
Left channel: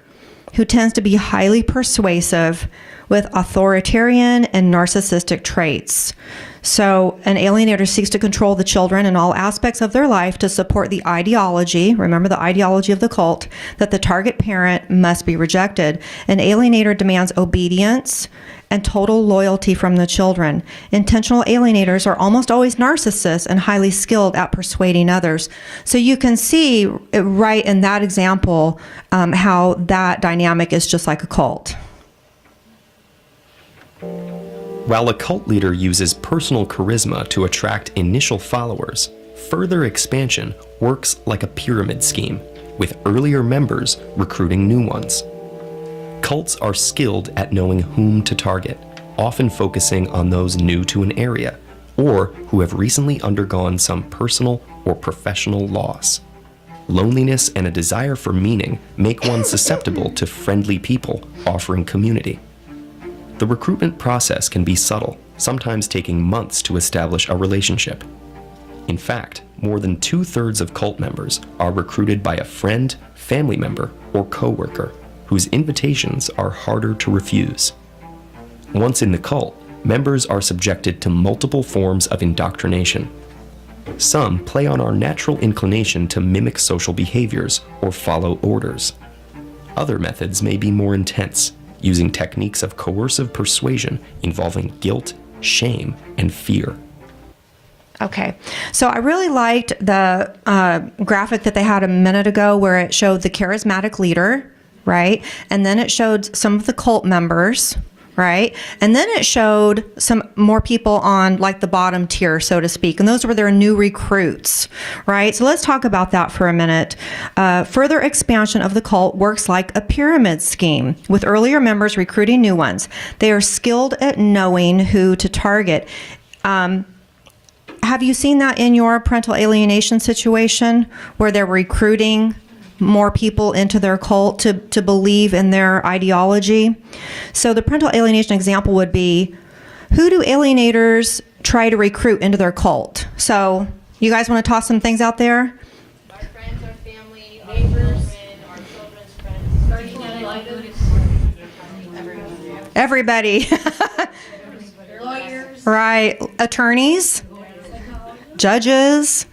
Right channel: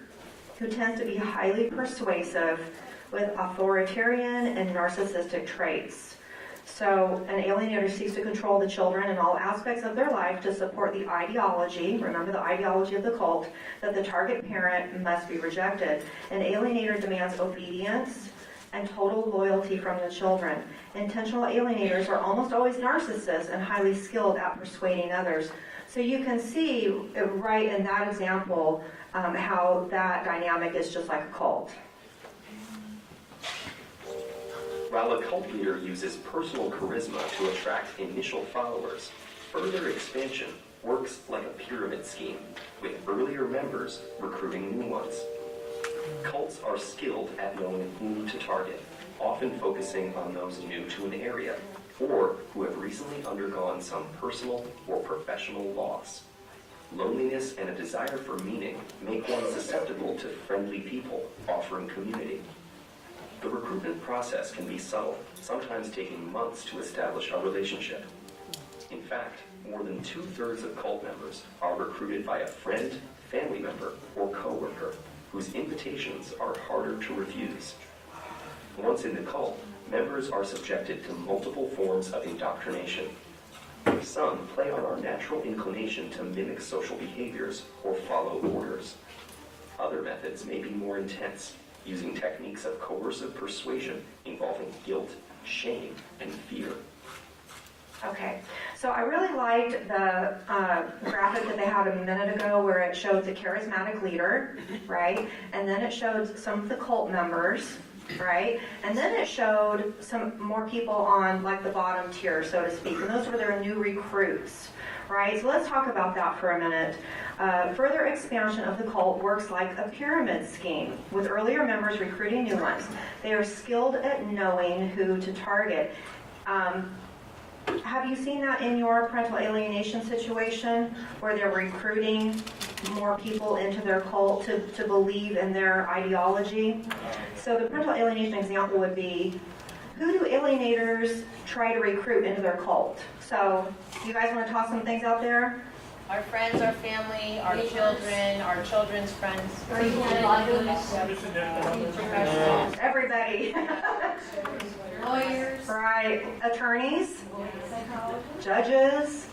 who tends to be highly persuasive with authoritarian and narcissistic traits. So an alienator seeks to control the children in all aspects of their life to support the ideology, remember the ideology of the cult, that the target parent must be rejected. An alienator demands obedience and total loyalty from the children. Intentional alienators are almost always narcissists and highly skilled at persuading others. So you can see right in that example how that dynamic is just like a cult. While a cult leader uses personal charisma to attract initial followers, further expansion works like a pyramid scheme, with earlier members recruiting new ones. Cults are skilled at knowing whom to target, often focusing on those new to an area, or who have recently undergone some personal or professional loss. Loneliness and a desire for meaning make one susceptible to friendly people offering community. The recruitment process can be subtle, sometimes taking months to establish a relationship. In fact, more than 2/3 of cult members are recruited by a friend, family member, or coworker, whose invitations are harder to refuse. Once in the cult, members are subjected to multiple forms of indoctrination. Some play on our natural inclination to mimic social behaviors or follow orders. Other methods may be more intense, using techniques of coercive persuasion involving guilt, shame, and fear. Okay, so I really liked the graphic that they had a minute ago where it showed the charismatic leader, right? And then it showed some of the cult members, right? And then it showed some more people on like the bottom tier, so to speak. And those were their new recruits, right? So let's talk about that for a minute. Further expansion of the cult works like a pyramid scheme, with earlier members recruiting new ones. They are skilled at knowing who to target. Have you seen that in your parental alienation situation where they're recruiting more people into their cult to believe in their ideology? So the parental alienation example would be, who do alienators try to recruit into their cult? So you guys want to toss some things out there? Our friends, our family, our children, our children's friends. Everybody. Lawyers. Right. Attorneys, judges.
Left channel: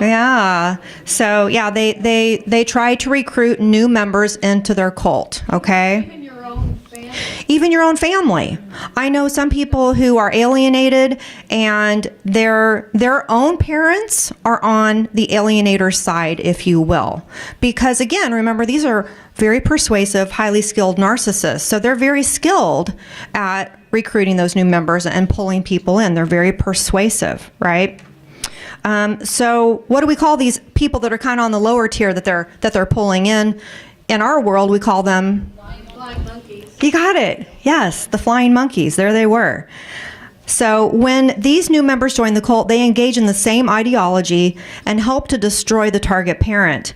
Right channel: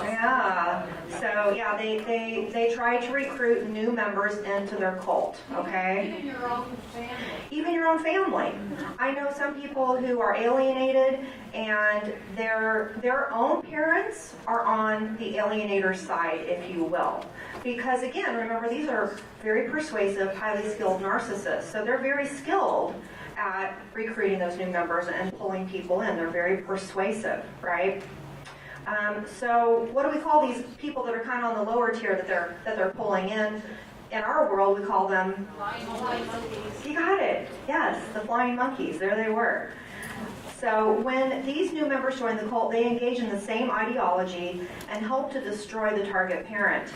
Yeah. So yeah, they try to recruit new members into their cult, okay? Even your own family. I know some people who are alienated and their own parents are on the alienator side, if you will. Because again, remember, these are very persuasive, highly skilled narcissists. So they're very skilled at recruiting those new members and pulling people in. They're very persuasive, right? So what do we call these people that are kind of on the lower tier that they're pulling in? In our world, we call them... You got it. Yes, the flying monkeys. There they were. So when these new members join the cult, they engage in the same ideology and help to destroy the target parent.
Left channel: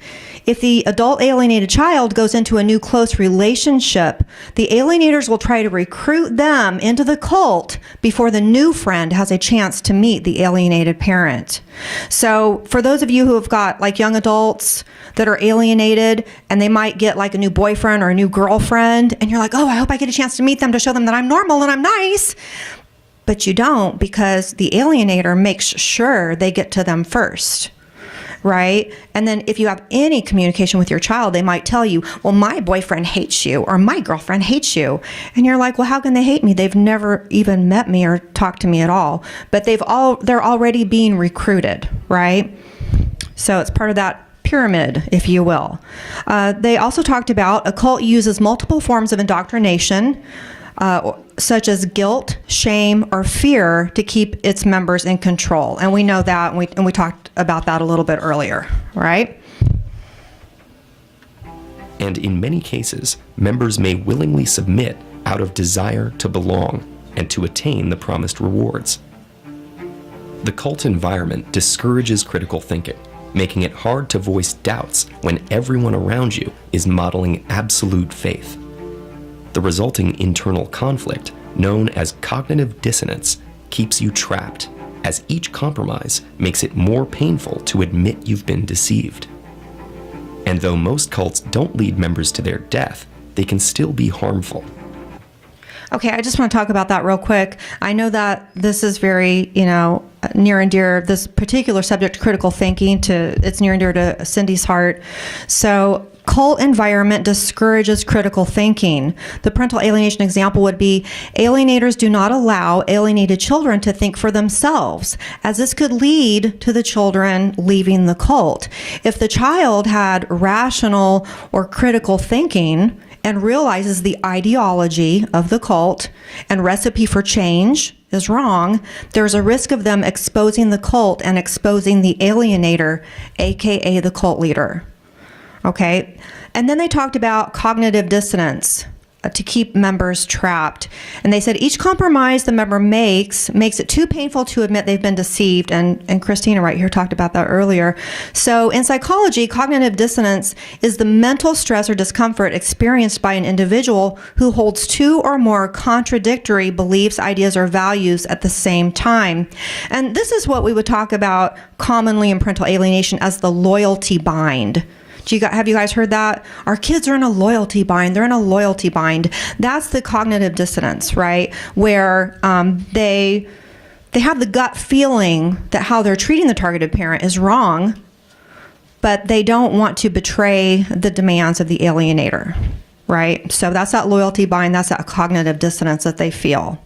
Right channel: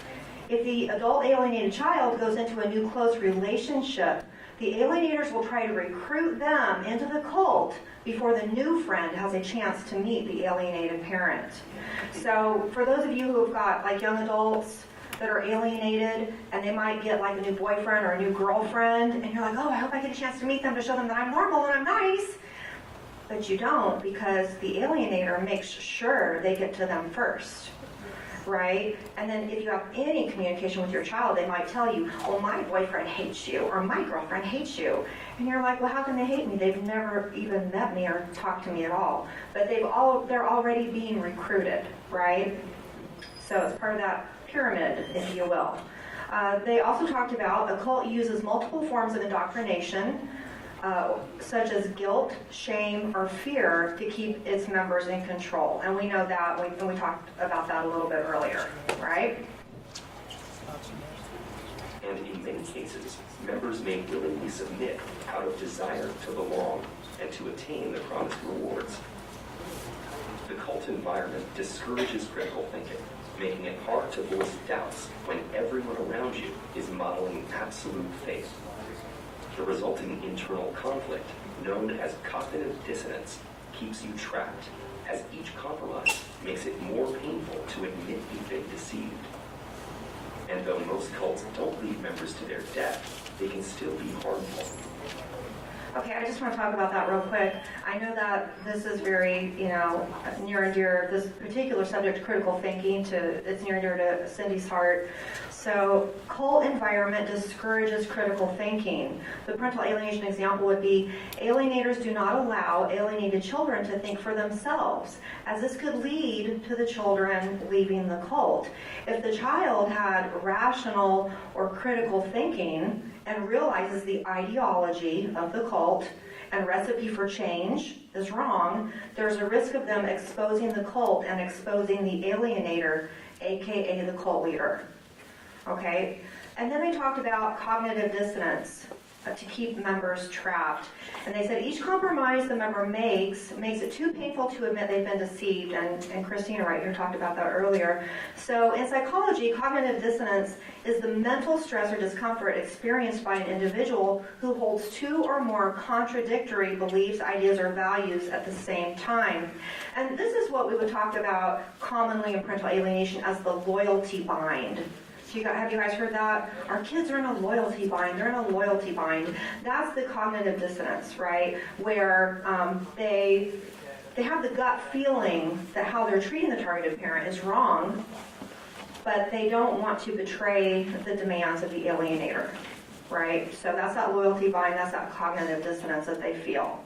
If the adult alienated child goes into a new close relationship, the alienators will try to recruit them into the cult before the new friend has a chance to meet the alienated parent. So for those of you who have got like young adults that are alienated and they might get like a new boyfriend or a new girlfriend and you're like, oh, I hope I get a chance to meet them to show them that I'm normal and I'm nice. But you don't, because the alienator makes sure they get to them first. Right? And then if you have any communication with your child, they might tell you, well, my boyfriend hates you or my girlfriend hates you. And you're like, well, how can they hate me? They've never even met me or talked to me at all. But they're already being recruited, right? So it's part of that pyramid, if you will. They also talked about a cult uses multiple forms of indoctrination, such as guilt, shame, or fear to keep its members in control. And we know that, and we talked about that a little bit earlier, right? And in many cases, members may willingly submit out of desire to belong and to attain the promised rewards. The cult environment discourages critical thinking, making it hard to voice doubts when everyone around you is modeling absolute faith. The resulting internal conflict, known as cognitive dissonance, keeps you trapped, as each compromise makes it more painful to admit you've been deceived. And though most cults don't lead members to their death, they can still be harmful. Okay, I just want to talk about that real quick. I know that this is very, near and dear, this particular subject, critical thinking, it's near and dear to Cindy's heart. So, cult environment discourages critical thinking. The parental alienation example would be, alienators do not allow alienated children to think for themselves, as this could lead to the children leaving the cult. If the child had rational or critical thinking and realizes the ideology of the cult and recipe for change is wrong, there's a risk of them exposing the cult and exposing the alienator, aka the cult leader. Okay? And then they talked about cognitive dissonance to keep members trapped. And they said each compromise the member makes it too painful to admit they've been deceived. And Christina right here talked about that earlier. So in psychology, cognitive dissonance is the mental stress or discomfort experienced by an individual who holds two or more contradictory beliefs, ideas, or values at the same time. And this is what we would talk about commonly in parental alienation as the loyalty bind. Have you guys heard that? Our kids are in a loyalty bind. They're in a loyalty bind. That's the cognitive dissonance, right? Where they have the gut feeling that how they're treating the targeted parent is wrong, but they don't want to betray the demands of the alienator, right? So that's that loyalty bind. That's that cognitive dissonance that they feel.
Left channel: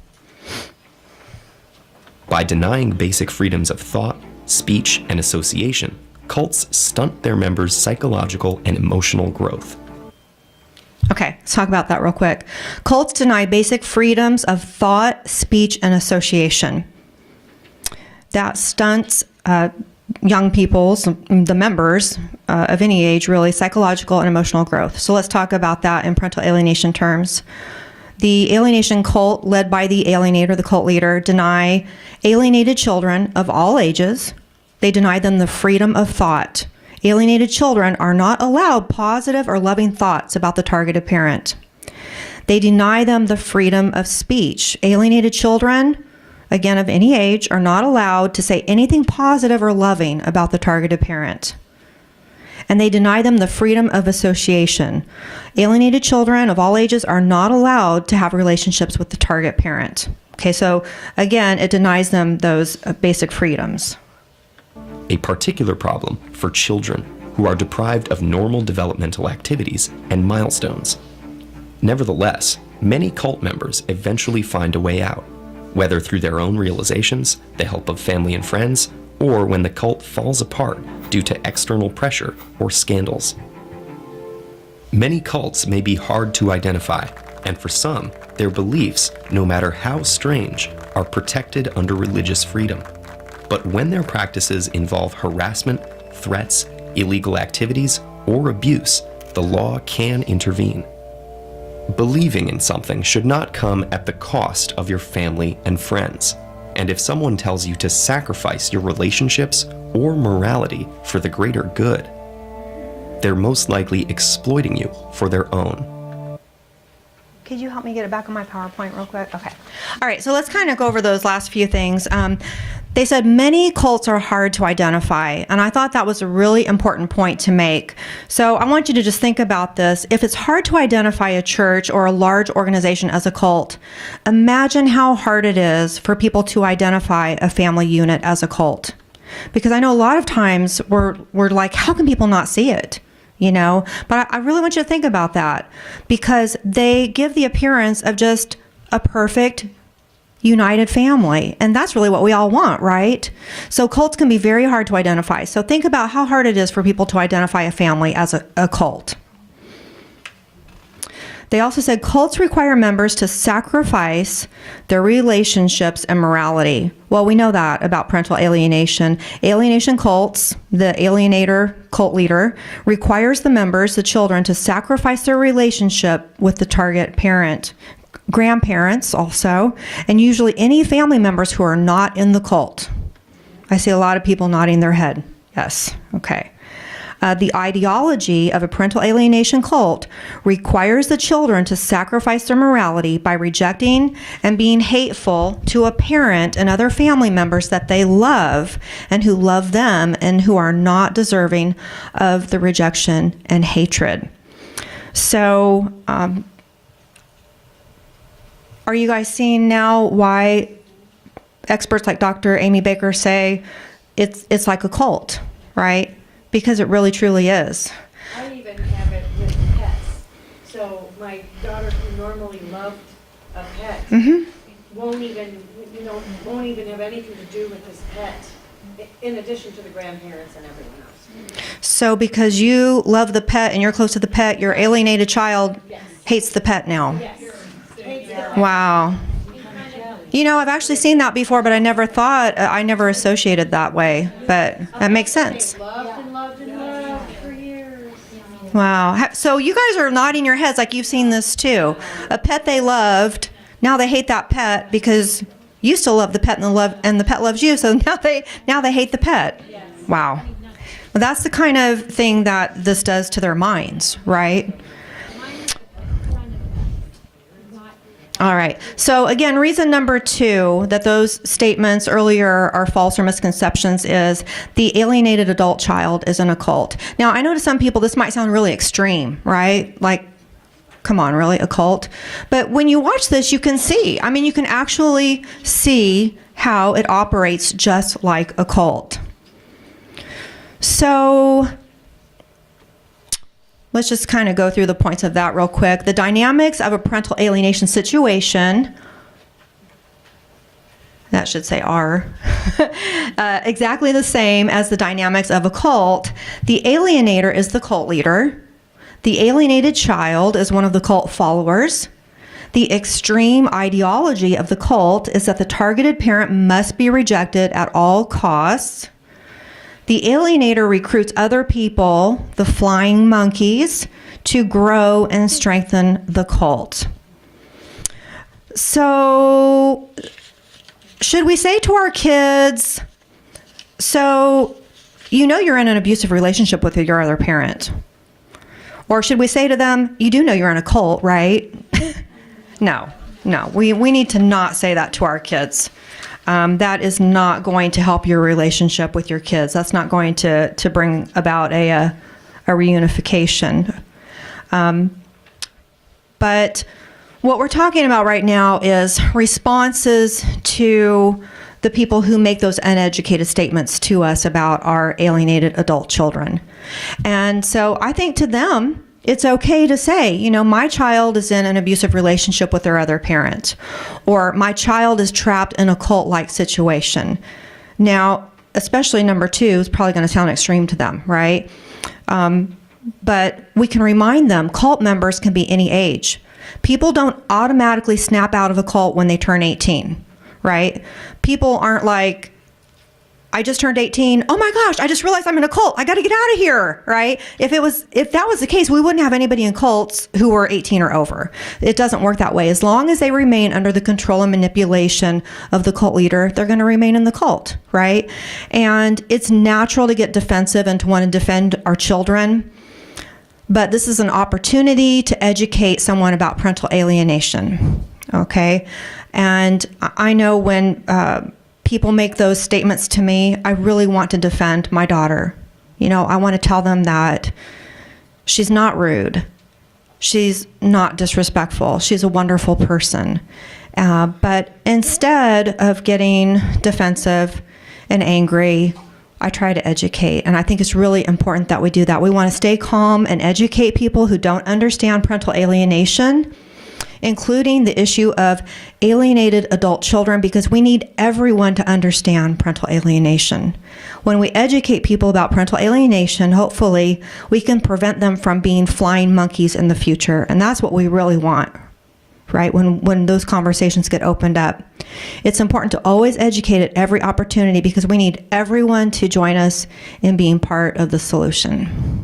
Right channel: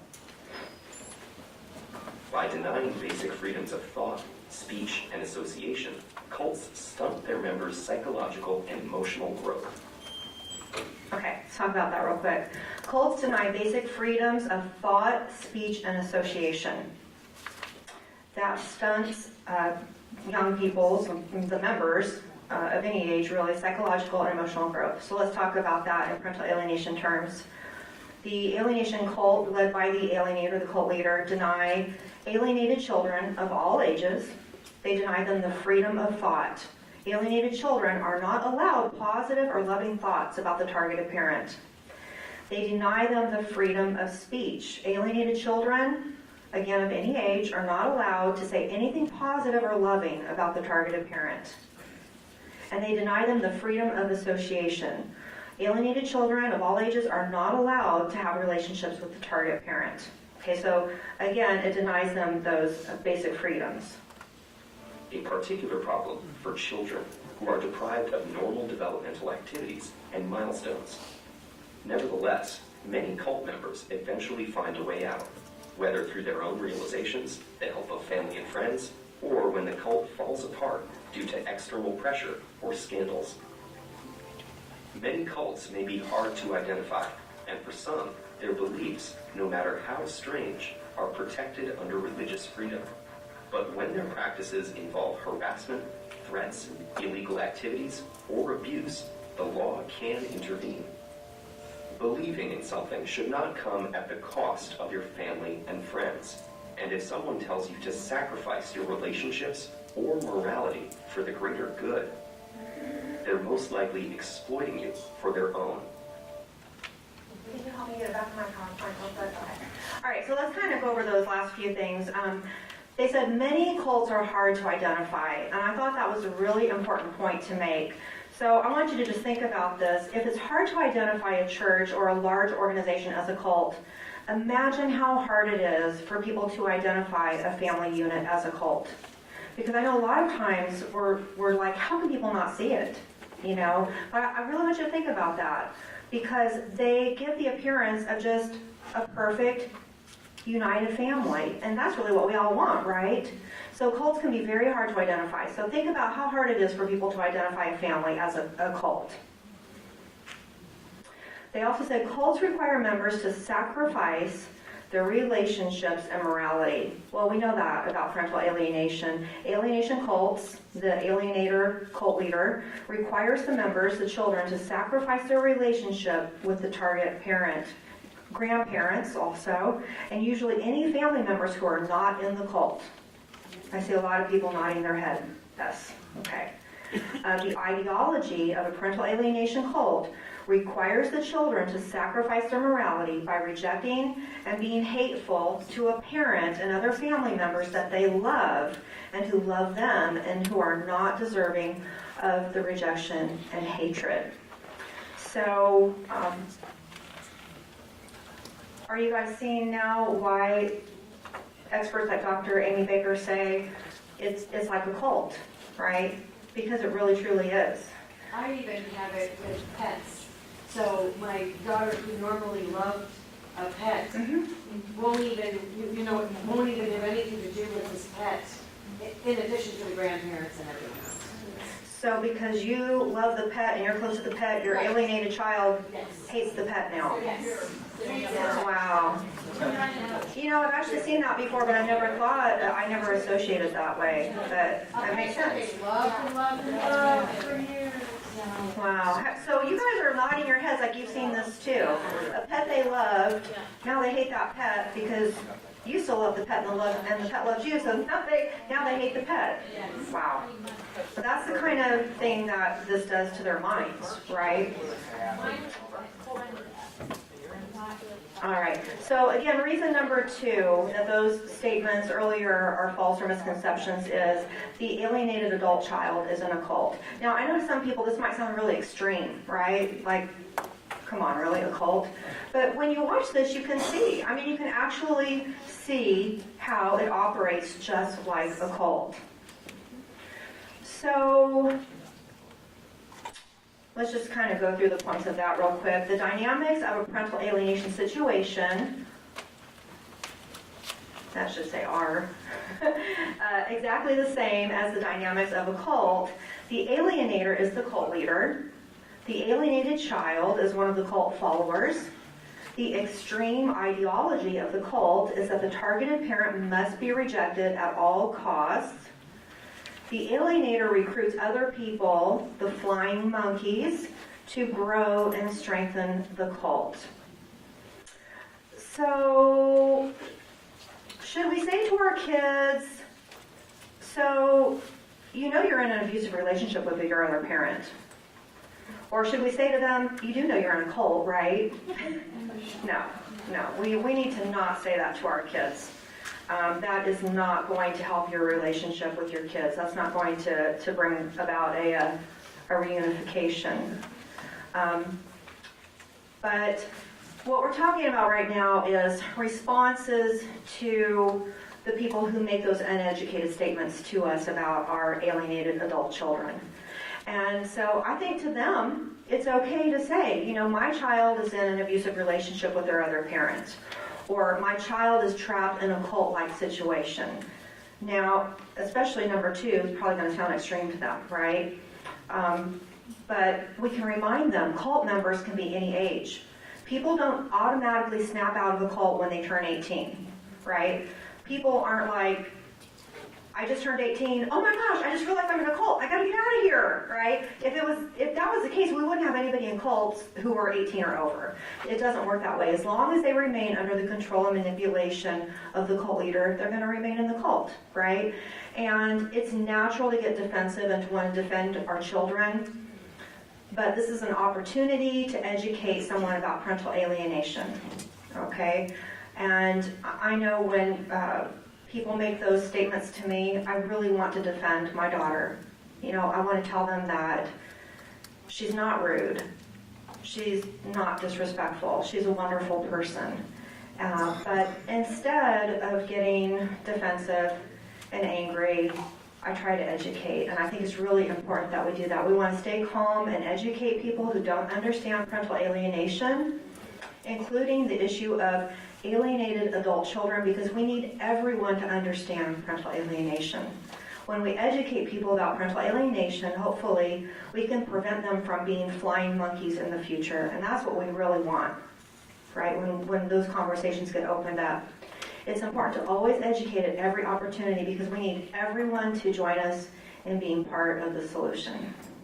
By denying basic freedoms of thought, speech, and association, cults stunt their members' psychological and emotional growth. Okay, let's talk about that real quick. Cults deny basic freedoms of thought, speech, and association. That stunts young people's, the members of any age, really, psychological and emotional growth. So let's talk about that in parental alienation terms. The alienation cult, led by the alienator, the cult leader, deny alienated children of all ages. They deny them the freedom of thought. Alienated children are not allowed positive or loving thoughts about the targeted parent. They deny them the freedom of speech. Alienated children, again of any age, are not allowed to say anything positive or loving about the targeted parent. And they deny them the freedom of association. Alienated children of all ages are not allowed to have relationships with the target parent. Okay, so again, it denies them those basic freedoms. A particular problem for children who are deprived of normal developmental activities and milestones. Nevertheless, many cult members eventually find a way out, whether through their own realizations, the help of family and friends, or when the cult falls apart due to external pressure or scandals. Many cults may be hard to identify, and for some, their beliefs, no matter how strange, are protected under religious freedom. But when their practices involve harassment, threats, illegal activities, or abuse, the law can intervene. Believing in something should not come at the cost of your family and friends. And if someone tells you to sacrifice your relationships or morality for the greater good, they're most likely exploiting you for their own. Could you help me get it back on my PowerPoint real quick? Okay. All right, so let's kind of go over those last few things. They said many cults are hard to identify, and I thought that was a really important point to make. So I want you to just think about this. If it's hard to identify a church or a large organization as a cult, imagine how hard it is for people to identify a family unit as a cult. Because I know a lot of times we're like, how can people not see it? But I really want you to think about that, because they give the appearance of just a perfect united family. And that's really what we all want, right? So cults can be very hard to identify. So think about how hard it is for people to identify a family as a cult. They also said cults require members to sacrifice their relationships and morality. Well, we know that about parental alienation. Alienation cults, the alienator cult leader, requires the members, the children, to sacrifice their relationship with the target parent, grandparents also, and usually any family members who are not in the cult. I see a lot of people nodding their head. Yes, okay. The ideology of a parental alienation cult requires the children to sacrifice their morality by rejecting and being hateful to a parent and other family members that they love and who love them and who are not deserving of the rejection and hatred. So, are you guys seeing now why experts like Dr. Amy Baker say it's like a cult, right? Because it really truly is. I even have it with pets. So my daughter, who normally loved a pet, won't even have anything to do with his pet, in addition to the grandparents and everyone else. So because you love the pet and you're close to the pet, your alienated child hates the pet now. Yes. Wow. You know, I've actually seen that before, but I never thought, I never associated that way. But that makes sense. Love for years. Wow. So you guys are nodding your heads like you've seen this too. A pet they loved, now they hate that pet because you still love the pet and the pet loves you, so now they hate the pet. Wow. Well, that's the kind of thing that this does to their minds, right? All right. So again, reason number 2 that those statements earlier are false or misconceptions is the alienated adult child is in a cult. Now, I know to some people this might sound really extreme, right? Like, come on, really, a cult? But when you watch this, you can see. I mean, you can actually see how it operates just like a cult. So let's just kind of go through the points of that real quick. The dynamics of a parental alienation situation, that should say are, exactly the same as the dynamics of a cult. The alienator is the cult leader. The alienated child is one of the cult followers. The extreme ideology of the cult is that the targeted parent must be rejected at all costs. The alienator recruits other people, the flying monkeys, to grow and strengthen the cult. So, should we say to our kids, so you know you're in an abusive relationship with your other parent? Or should we say to them, you do know you're in a cult, right? No, we need to not say that to our kids. That is not going to help your relationship with your kids. That's not going to bring about a reunification. But what we're talking about right now is responses to the people who make those uneducated statements to us about our alienated adult children. And so I think to them, it's okay to say, you know, my child is in an abusive relationship with their other parent, or my child is trapped in a cult-like situation. Now, especially number 2 is probably going to sound extreme to them, right? But we can remind them cult members can be any age. People don't automatically snap out of a cult when they turn 18, right? People aren't like, I just turned 18. Oh my gosh, I just realized I'm in a cult. I got to get out of here, right? If that was the case, we wouldn't have anybody in cults who were 18 or over. It doesn't work that way. As long as they remain under the control and manipulation of the cult leader, they're going to remain in the cult, right? And it's natural to get defensive and to want to defend our children. But this is an opportunity to educate someone about parental alienation, okay? And I know when people make those statements to me, I really want to defend my daughter. You know, I want to tell them that she's not rude. She's not disrespectful. She's a wonderful person. But instead of getting defensive and angry, I try to educate. And I think it's really important that we do that. We want to stay calm and educate people who don't understand parental alienation. including the issue of alienated adult children, because we need everyone to understand parental alienation. When we educate people about parental alienation, hopefully we can prevent them from being flying monkeys in the future. And that's what we really want, right? When those conversations get opened up. It's important to always educate at every opportunity because we need everyone to join us in being part of the solution.